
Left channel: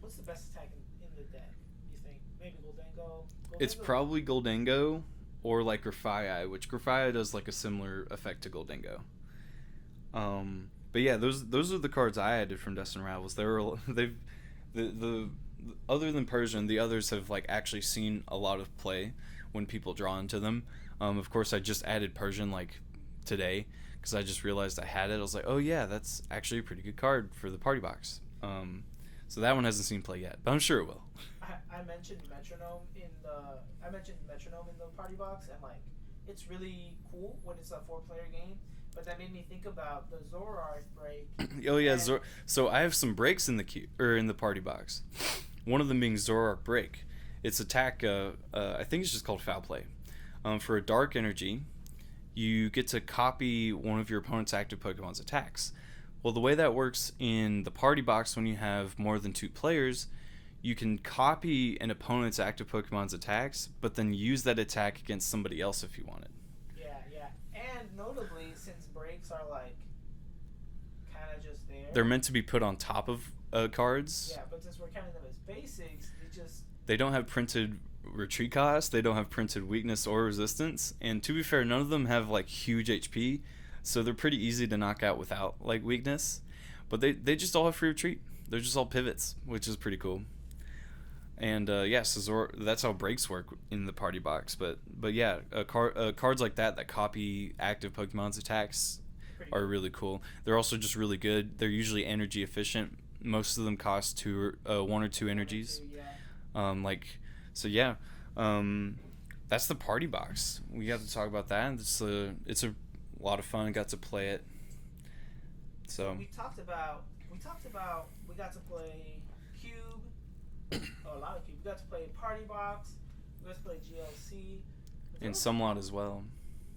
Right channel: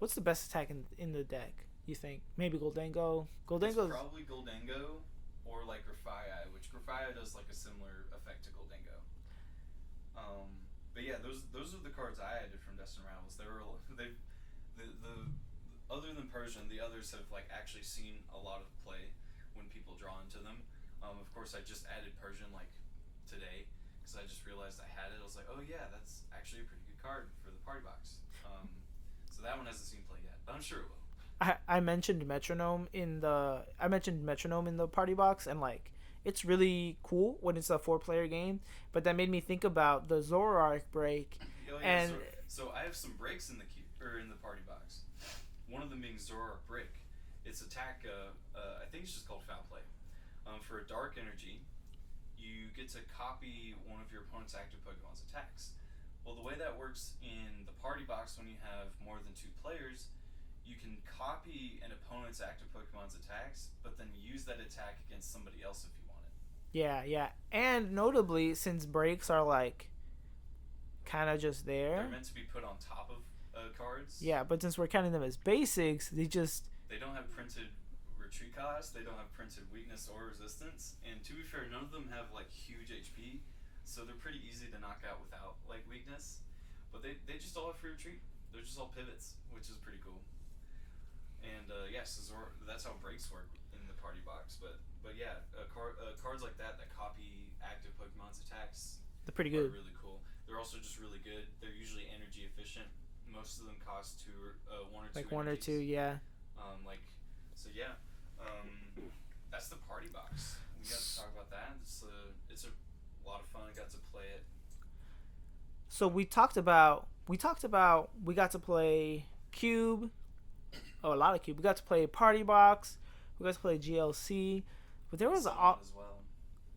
what's the best attack in the deck, you think? Maybe Goldengo? It's probably Goldengo or like Grafaiai, which Grafaiai does like a similar effect to Goldengo. But yeah, those are the cards I added from Destined Rivals. The other than Persian, the others have like actually seen a lot of play when people draw into them. Of course, I just added Persian like today because I just realized I had it. I was like, oh yeah, that's actually a pretty good card for the party box. So that one hasn't seen play yet, but I'm sure it will. I mentioned metronome in the party box, and like it's really cool when it's a 4 player game. But that made me think about the Zoroark break. Oh yeah, And so I have some breaks in the queue or in the party box. One of them being Zoroark break. It's attack. I think it's just called foul play. For a dark energy, you get to copy one of your opponent's active Pokemon's attacks. Well, the way that works in the party box when you have more than 2 players, you can copy an opponent's active Pokemon's attacks, but then use that attack against somebody else if you wanted. yeah, yeah, and notably, since breaks are like kind of just there. They're meant to be put on top of cards. Yeah, but since we're counting them as basics, They don't have printed retreat cost. They don't have printed weakness or resistance. And to be fair, none of them have like huge HP, so they're pretty easy to knock out without like weakness. But they just all have free retreat. They're just all pivots, which is pretty cool. And so that's how breaks work in the party box. But yeah, cards like that copy active Pokemon's attacks are really cool. They're also just really good. They're usually energy efficient. Most of them cost 1 or 2 energies. 1 or 2, yeah. That's the party box. We have to talk about that. It's a lot of fun. Got to play it. So we got to play Cube. Oh, a lot of Cube. We got to play Party Box. We got to play GLC. But there was Sumlot as well.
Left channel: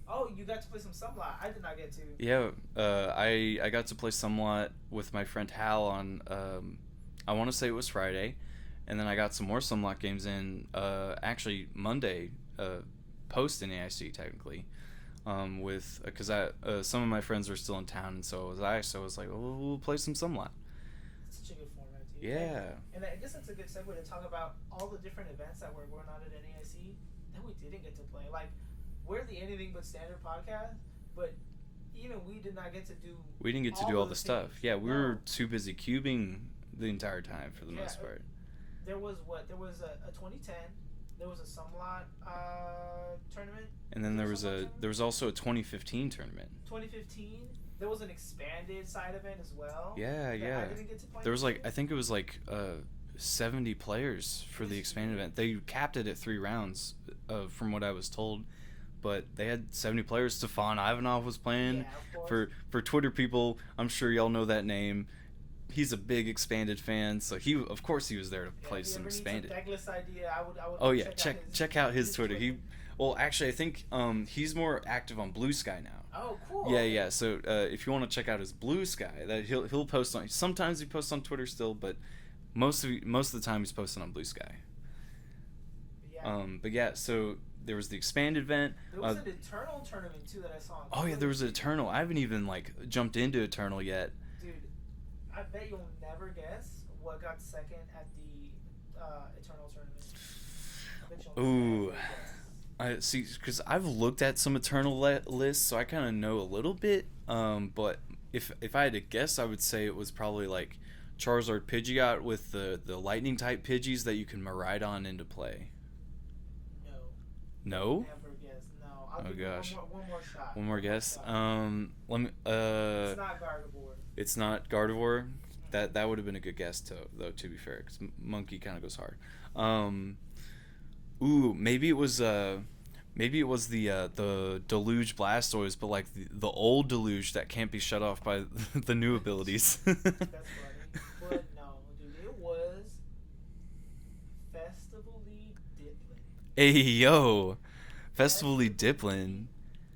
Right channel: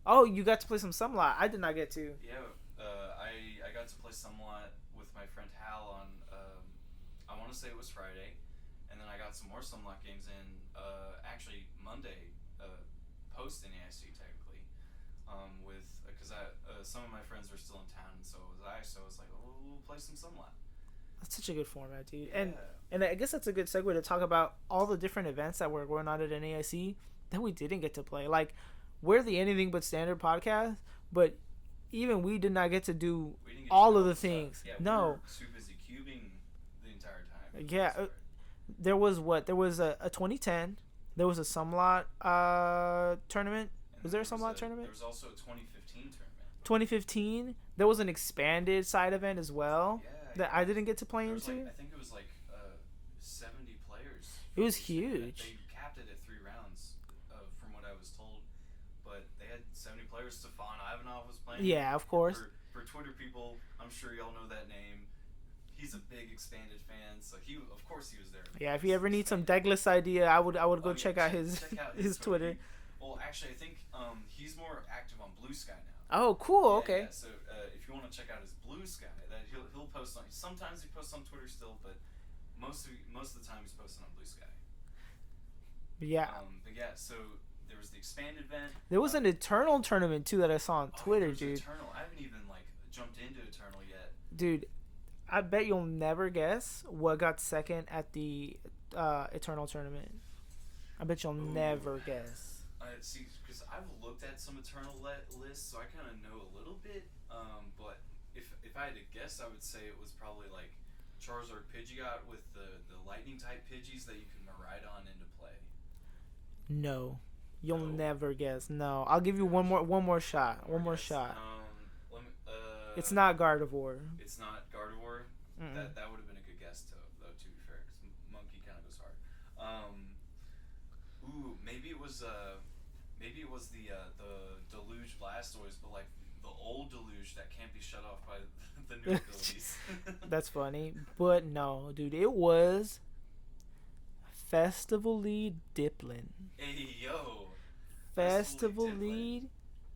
Oh, you got to play some Sumlot. I did not get to. Yeah, I got to play Sumlot with my friend Hal on, I want to say it was Friday. And then I got some more Sumlot games in, actually Monday, post NAIC technically. Because some of my friends were still in town, and so was I. So I was like, oh, we'll play some Sumlot. That's such a good format, dude. Yeah. And I guess that's a good segue to talk about all the different events that were going on at NAIC that we didn't get to play. Like, we're the Anything But Standard podcast, but even we did not get to do we didn't get all to do of all the stuff. things. Yeah, we were too busy cubing the entire time. For the most part. There was a 2010. There was a Sumlot tournament. And then there was also a 2015 tournament. 2015. There was an expanded side event as well. Yeah, that I didn't get to play. There was I think it was 70 players for the expanded event. They capped it at 3 rounds, from what I was told. But they had 70 players. Stefan Ivanov was playing. Yeah, of course. For Twitter people, I'm sure y'all know that name. He's a big expanded fan, so of course he was there to play. Yeah, if you ever need some Douglas idea, I would go check out his Twitter. Well, actually, I think he's more active on Blue Sky now. Oh, cool. Yeah, okay. yeah. So if you want to check out his Blue Sky, that he'll post on. Sometimes he posts on Twitter still, but most of the time he's posting on Blue Sky. Yeah. But yeah, so there was the expanded event. There was an Eternal tournament too that I saw on Twitter. Oh yeah, there was an Eternal. I haven't even jumped into Eternal yet. Dude, I bet you'll never guess what got second at the Eternal tournament. I bet you'll never guess. I see, because I've looked at some Eternal lists, so I kind of know a little bit. But if I had to guess, I would say it was probably Charizard Pidgeot with the lightning type Pidgeys that you can Miraidon into play. No. You'll never guess. No. I'll give you one more shot. One more guess. Let me it's not Gardevoir. It's not Gardevoir. That would have been a good guess though, to be fair, cuz Monkey kind of goes hard. Maybe it was the Deluge Blastoise, but the old Deluge that can't be shut off by the new abilities. That's funny. But no, dude, it was Festival Lead Diplin. Hey yo, Festival Lead Diplin,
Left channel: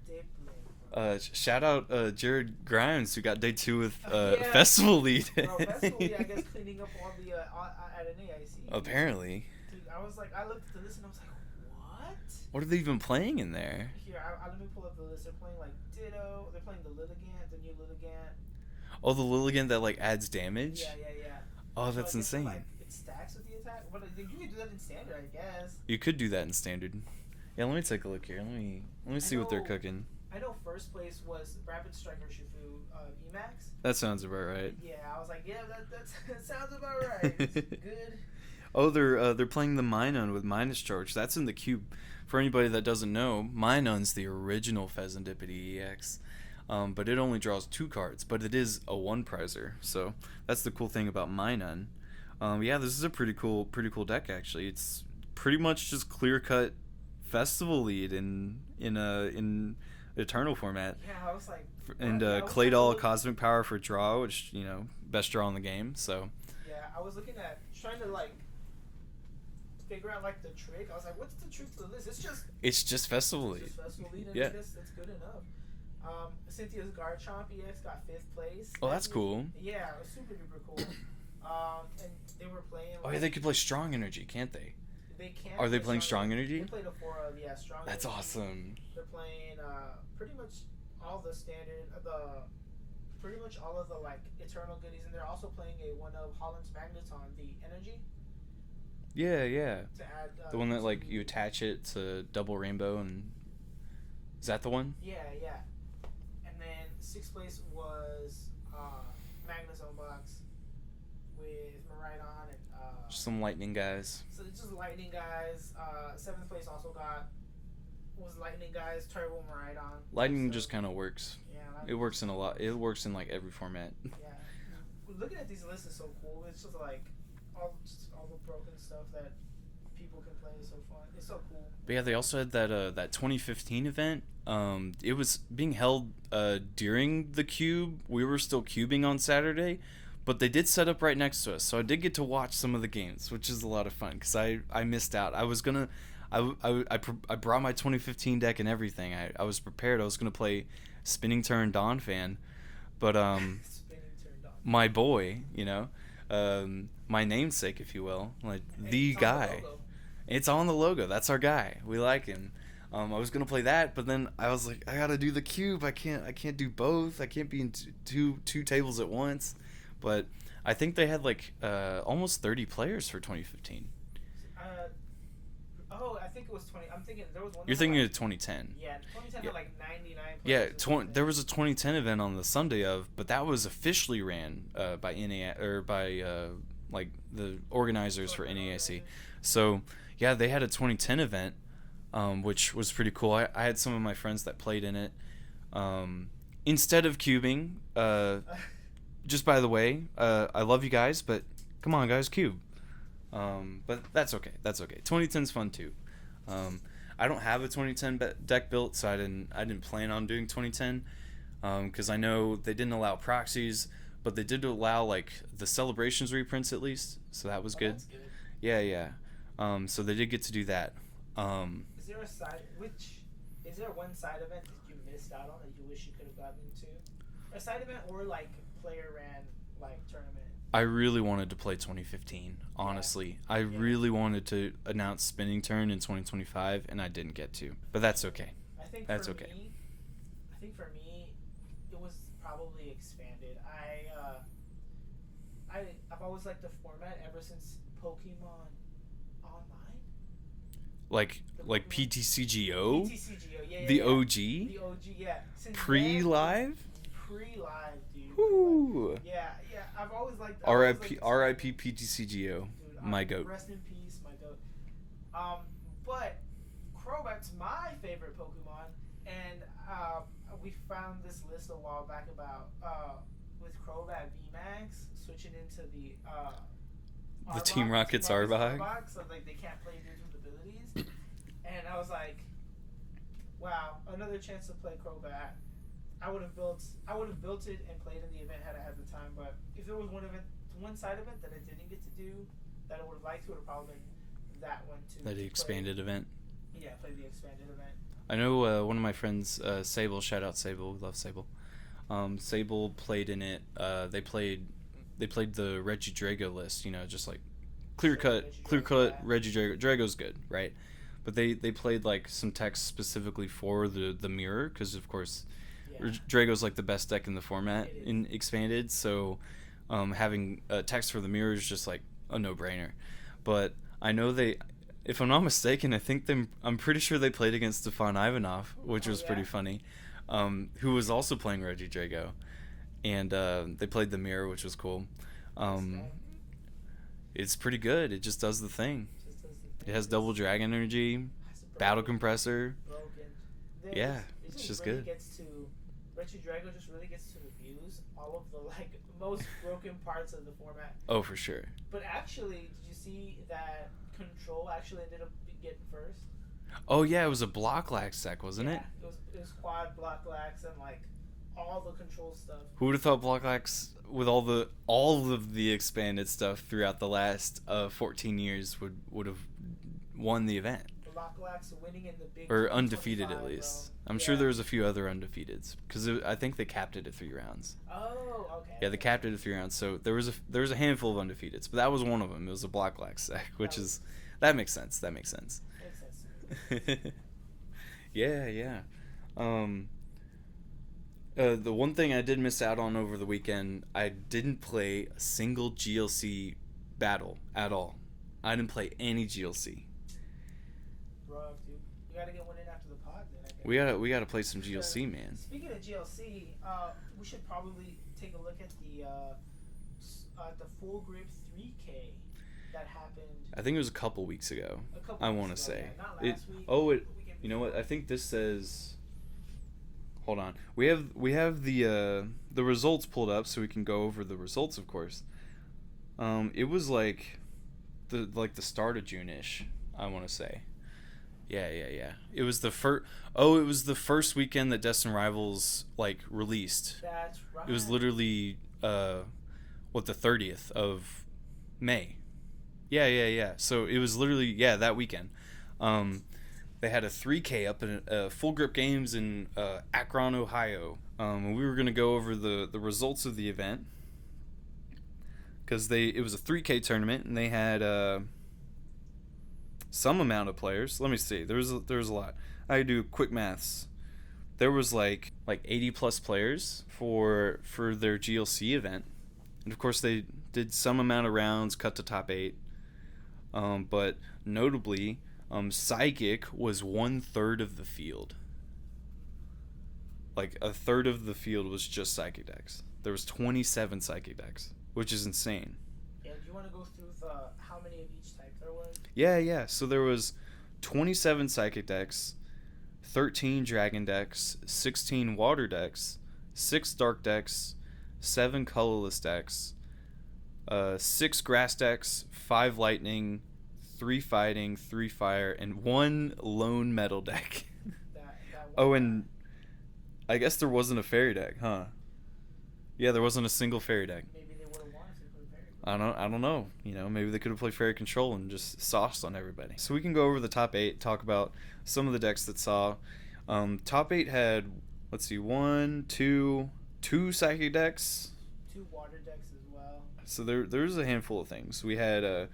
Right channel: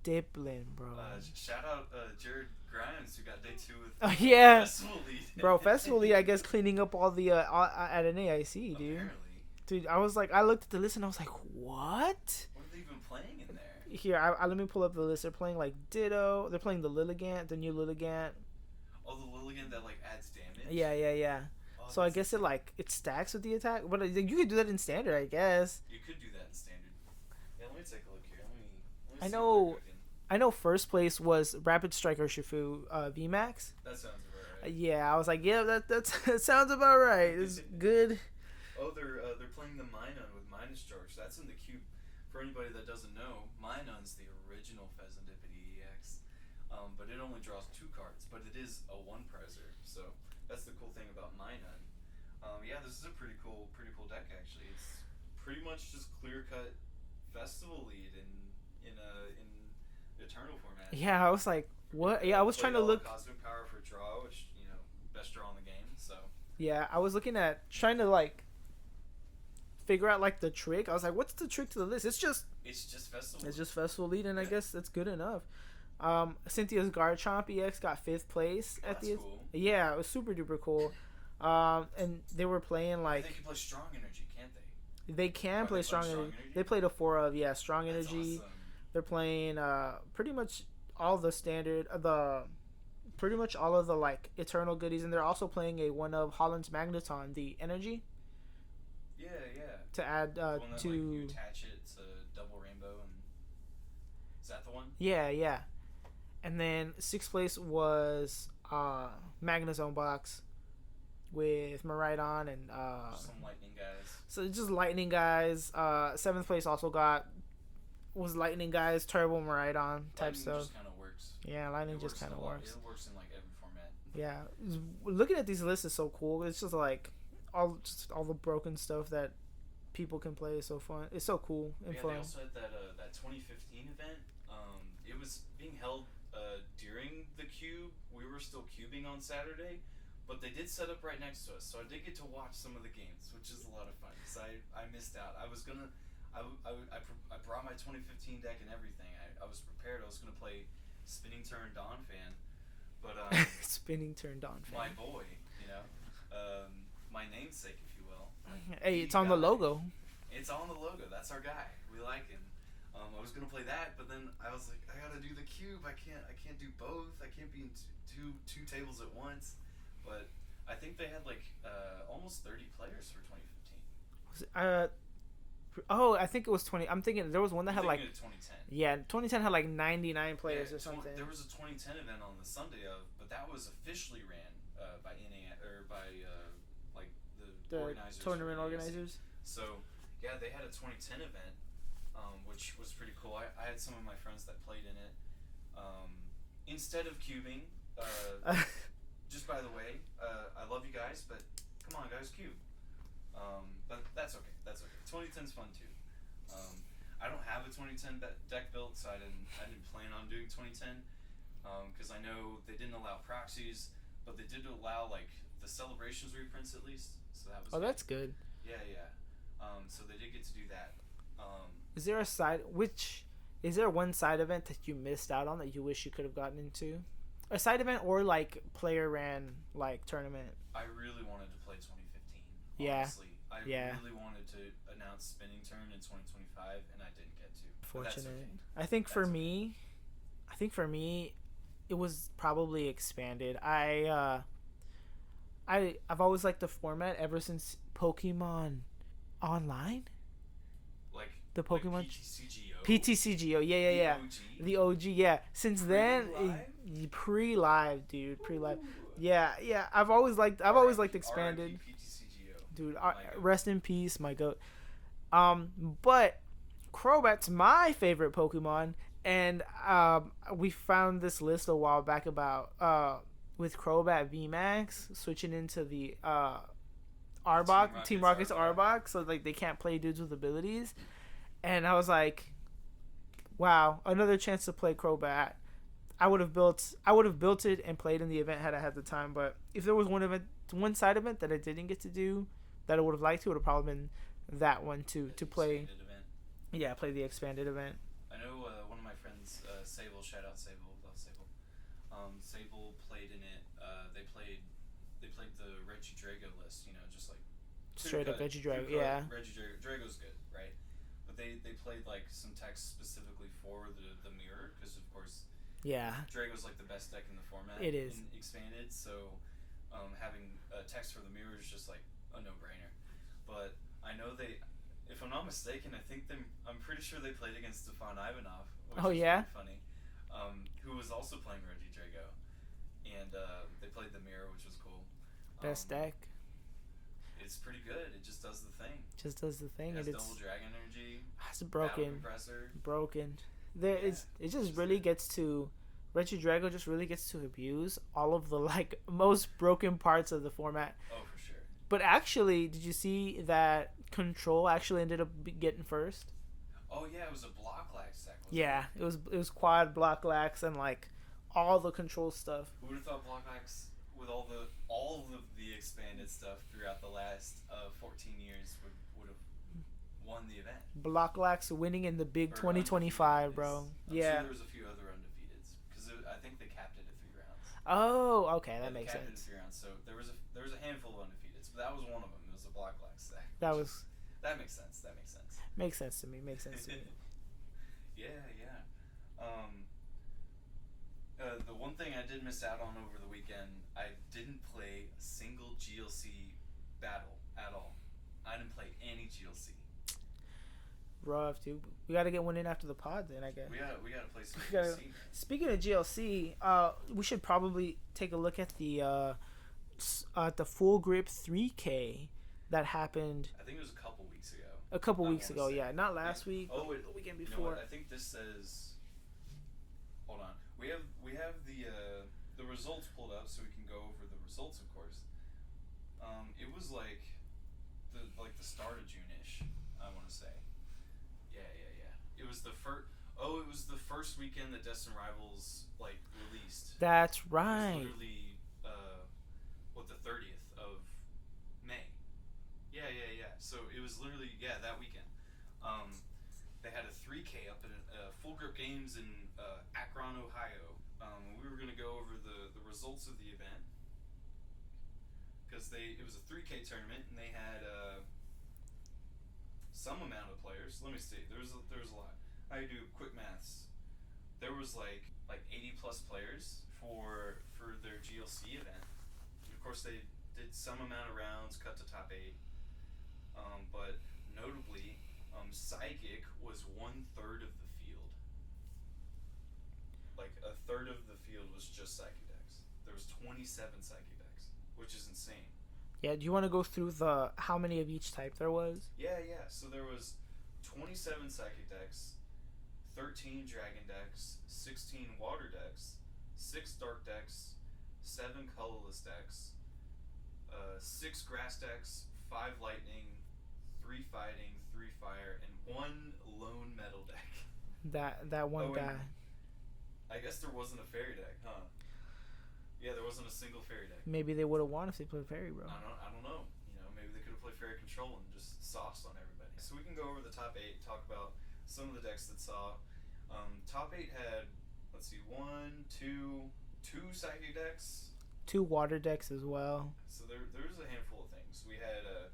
bro. Shout out Jared Grimes, who got day 2 with Festival Lead. Bro, Festival Lead, I guess cleaning up all the at an AIC. Dude. Apparently. Dude, I looked at the list and I was like, what? What are they even playing in there? Here, let me pull up the list. They're playing Ditto. They're playing the Lilligant, the new Lilligant. Oh, the Lilligant that adds damage? Yeah. Oh, that's so I guess insane. it stacks with the attack. But you could do that in standard, I guess. You could do that in standard. Yeah, let me take a look here. Let me see what they're cooking. I know first place was Rapid Striker Shifu VMAX. That sounds about right. Yeah, I was like, yeah, that sounds about right. It's good. Oh, they're playing the Minun with Minus Charge. That's in the cube. For anybody that doesn't know, Minun's the original Pheasantipede EX. But it only draws 2 cards, but it is a 1-prizer. So that's the cool thing about Minun. Yeah, this is a pretty cool deck actually. It's pretty much just clear cut festival lead in Eternal format. Yeah, I was like, what? And Yeah, I was trying to Claydol look. Cosmic Power for draw, which best draw in the game. So Yeah, I was looking at trying to like figure out like the trick. I was like, what's the trick to the list? it's just festival It's lead. just festival lead, and I Yeah. guess that's good enough. Cynthia's Garchomp EX got fifth place. Oh, at that's the- cool. Yeah, it was super duper cool. And they were playing I like mean, they could play Strong Energy, can't they? they can. Are they play playing Strong Energy? They played a 4 of Strong That's Energy. awesome. They're playing pretty much all the standard pretty much all of the like eternal goodies, and they're also playing a one of Holland's Magneton, the energy, Yeah. to add The one that to, like you attach it to Double Rainbow, and is that the one? Yeah. And then sixth place was Magnezone box with Miraidon and Some lightning guys. so just lightning guys. Seventh place also was lightning guys, Turbo Miraidon. type Lightning stuff. just kind of works. Yeah, lightning It works just in a kinda lot. works. It works in like every format. Yeah, looking at these lists is so cool. It's just like all the broken stuff that people can play is so fun. It's so cool. But yeah, they also had that 2015 event. It was being held during the cube. We were still cubing on Saturday, but they did set up right next to us, so I did get to watch some of the games, which is a lot of fun because I missed out. I brought my 2015 deck and everything. I was prepared. I was gonna play Spinning Turn Dawn Fan, but spinning turned on. my boy, my namesake, if you will, like Hey, the it's on guy. the logo. It's on the logo. That's our guy. We like him. I was gonna play that, but then I was like, I gotta do the cube. I can't do both. I can't be in two tables at once. But I think they had like almost 30 players for 2015. I think it was 20. I'm thinking there was one that You're had thinking like, of 2010. yeah, 2010 had like 99 Yeah, players. or something. there was a 2010 event on the Sunday of, but that was officially ran by NAIC or by like the organizers for tournament NAIC. organizers. So yeah, they had a 2010 event, which was pretty cool. I had some of my friends that played in it. Instead of cubing, just by the way, I love you guys, but come on, guys, cube. But that's okay. 2010's fun too. I don't have a 2010 deck built, so I didn't plan on doing 2010. Because I know they didn't allow proxies, but they did allow like the celebrations reprints at least, so that was good. That's good. Yeah. So they did get to do that. Is there one side event that you missed out on that you wish you could have gotten into? A side event or like player ran like tournament? I really wanted to play 2015. Honestly, I really wanted to announce Spinning Turn in 2025, and I didn't get to. But that's okay. I think That's for okay. me, it was probably expanded. I've always liked the format ever since Pokemon Online. Like The like Pokemon- PTCGO. PTCGO, yeah. The yeah. OG. The OG, yeah. Since Pre-live? Pre-live, dude. Pre-live. Ooh. Yeah. I've always liked RIP expanded. PTCGO. Dude, My goat. Rest in peace, my goat. But Crobat's my favorite Pokemon, and we found this list a while back about with Crobat VMAX switching into the Arbok, Team Rocket's Arbok. so like they can't play dudes with abilities, and I was like, wow, another chance to play Crobat. I would have built it and played in the event had I had the time. But if there was one side event that I didn't get to do that I would have liked to, it would have probably been that one too. That to expanded event. Yeah, play the expanded event. I know one of my friends, Sable. Shout out Sable. We love Sable. Sable played in it. They played the Regidrago list. Just like clear cut Regidrago. Drago's good, right? But they played like some text specifically for the mirror because of course. Yeah. Drago's like the best deck in the format It is. in expanded, so having text for the mirror is just like a no-brainer. But I know if I'm not mistaken, I'm pretty sure they played against Stefan Ivanov, which was pretty funny, who was also playing Regidrago, and they played the mirror, which was cool. Best deck. It's pretty good. It just does the thing. Just does the thing. It has double dragon energy, It's battle compressor. broken. Yeah, It it's just just really good. gets to Regidrago just really gets to abuse all of the like most broken parts of the format. Oh, for sure. But actually, did you see that Control actually ended up getting first? Oh yeah, it was a block lax deck, wasn't Yeah, it? it was quad block lax and like all the Control stuff. Who would have thought block lax with all of the expanded stuff throughout the last 14 years would have won the event? Block lax winning in the big Or undefeated 2025, at least. bro. I'm sure there was a few other undefeateds because I think they capped it at 3 rounds. Oh, okay. Yeah, they capped it at 3 rounds, so there was a handful of undefeateds, but that was one of them. It was a block lax deck, that makes sense. Makes sense to me. Yeah. The one thing I did miss out on over the weekend, I didn't play a single GLC battle at all. I didn't play any GLC. Rough, dude. We gotta get one in after the pod, then I guess. We gotta play some GLC, man. Speaking of GLC, we should probably take a look at the full grip 3K that happened. I think it was a couple weeks ago. A couple weeks ago, yeah, not last week. Oh, you know what? I think this says. Hold on. We have the results pulled up, so we can go over the results, of course. It was like the start of June-ish, I want to say. Yeah. It was the first. Oh, it was the first weekend that Destin Rivals like released. That's right. It was literally the 30th of May. Yeah. So it was literally that weekend. They had a 3K up in Full Grip Games in Akron, Ohio. And we were gonna go over the results of the event because it was a 3K tournament and they had some amount of players. Let me see. There was a lot. I do quick maths. There was like 80 plus players for their GLC event, and of course they did some amount of rounds, cut to top 8. But notably, Psychic was 1/3 of the field. Like a third of the field was just Psychic decks. There was 27 Psychic decks, which is insane. Yeah, do you want to go through how many of each type there was? Yeah. So there was 27 Psychic decks, 13 Dragon decks, 16 Water decks, 6 Dark decks, 7 Colorless decks, 6 Grass decks, 5 Lightning, 3 Fighting, 3 Fire, and 1 Lone Metal deck. that one. Oh, and I guess there wasn't a Fairy deck, huh? Yeah, there wasn't a single Fairy deck. Maybe they would have won if they played Fairy, bro. I don't know. Maybe they could have played Fairy Control and just sauced on everybody. So we can go over the top 8, talk about some of the decks that saw. Top 8 had, let's see, 2 Psychic decks. 2 Water decks as well. So there's a handful of things. We had a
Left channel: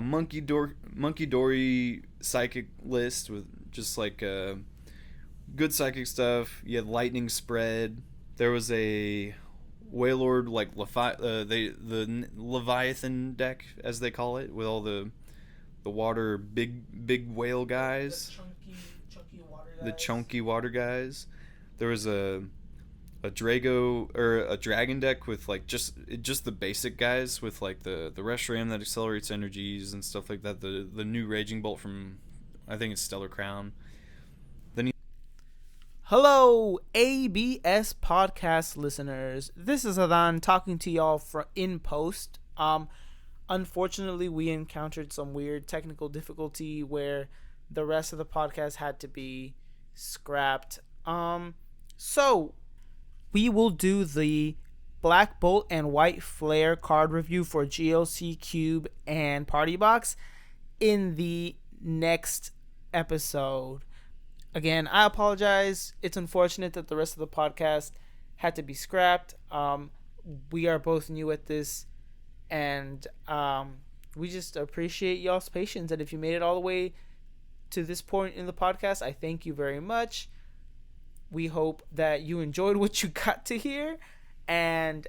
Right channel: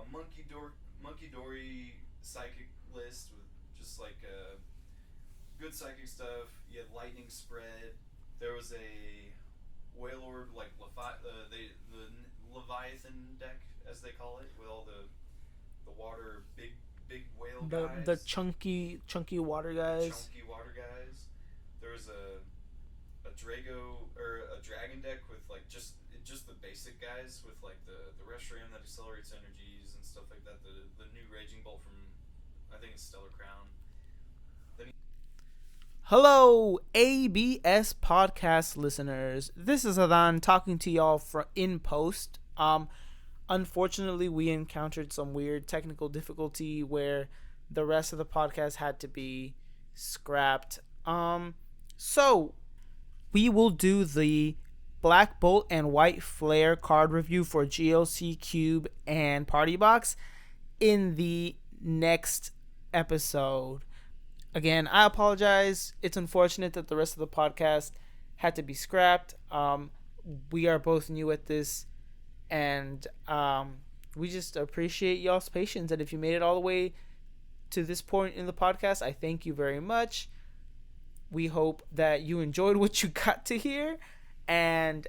Monkey Dory Psychic list with just like good Psychic stuff. You had Lightning Spread. There was a Wailord the Leviathan deck, as they call it, with all the water big whale guys. The chunky water guys. The chunky water guys. There was a Drago or a Dragon deck with like just the basic guys with like the Reshiram that accelerates energies and stuff like that. The new Raging Bolt from, I think it's Stellar Crown. Hello, ABS podcast listeners. This is Adan talking to y'all in post. Unfortunately, we encountered some weird technical difficulty where the rest of the podcast had to be scrapped. So we will do the Black Bolt and White Flare card review for GLC Cube and Party Box in the next episode. Again, I apologize. It's unfortunate that the rest of the podcast had to be scrapped. We are both new at this, and we just appreciate y'all's patience. And if you made it all the way to this point in the podcast, I thank you very much. We hope that you enjoyed what you got to hear. And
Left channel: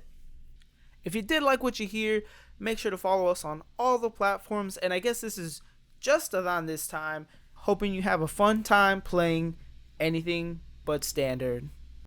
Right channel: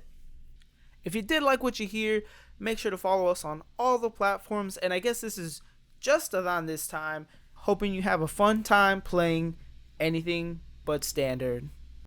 if you did like what you hear, make sure to follow us on all the platforms. And I guess this is just Adan this time. Hoping you have a fun time playing anything but Standard.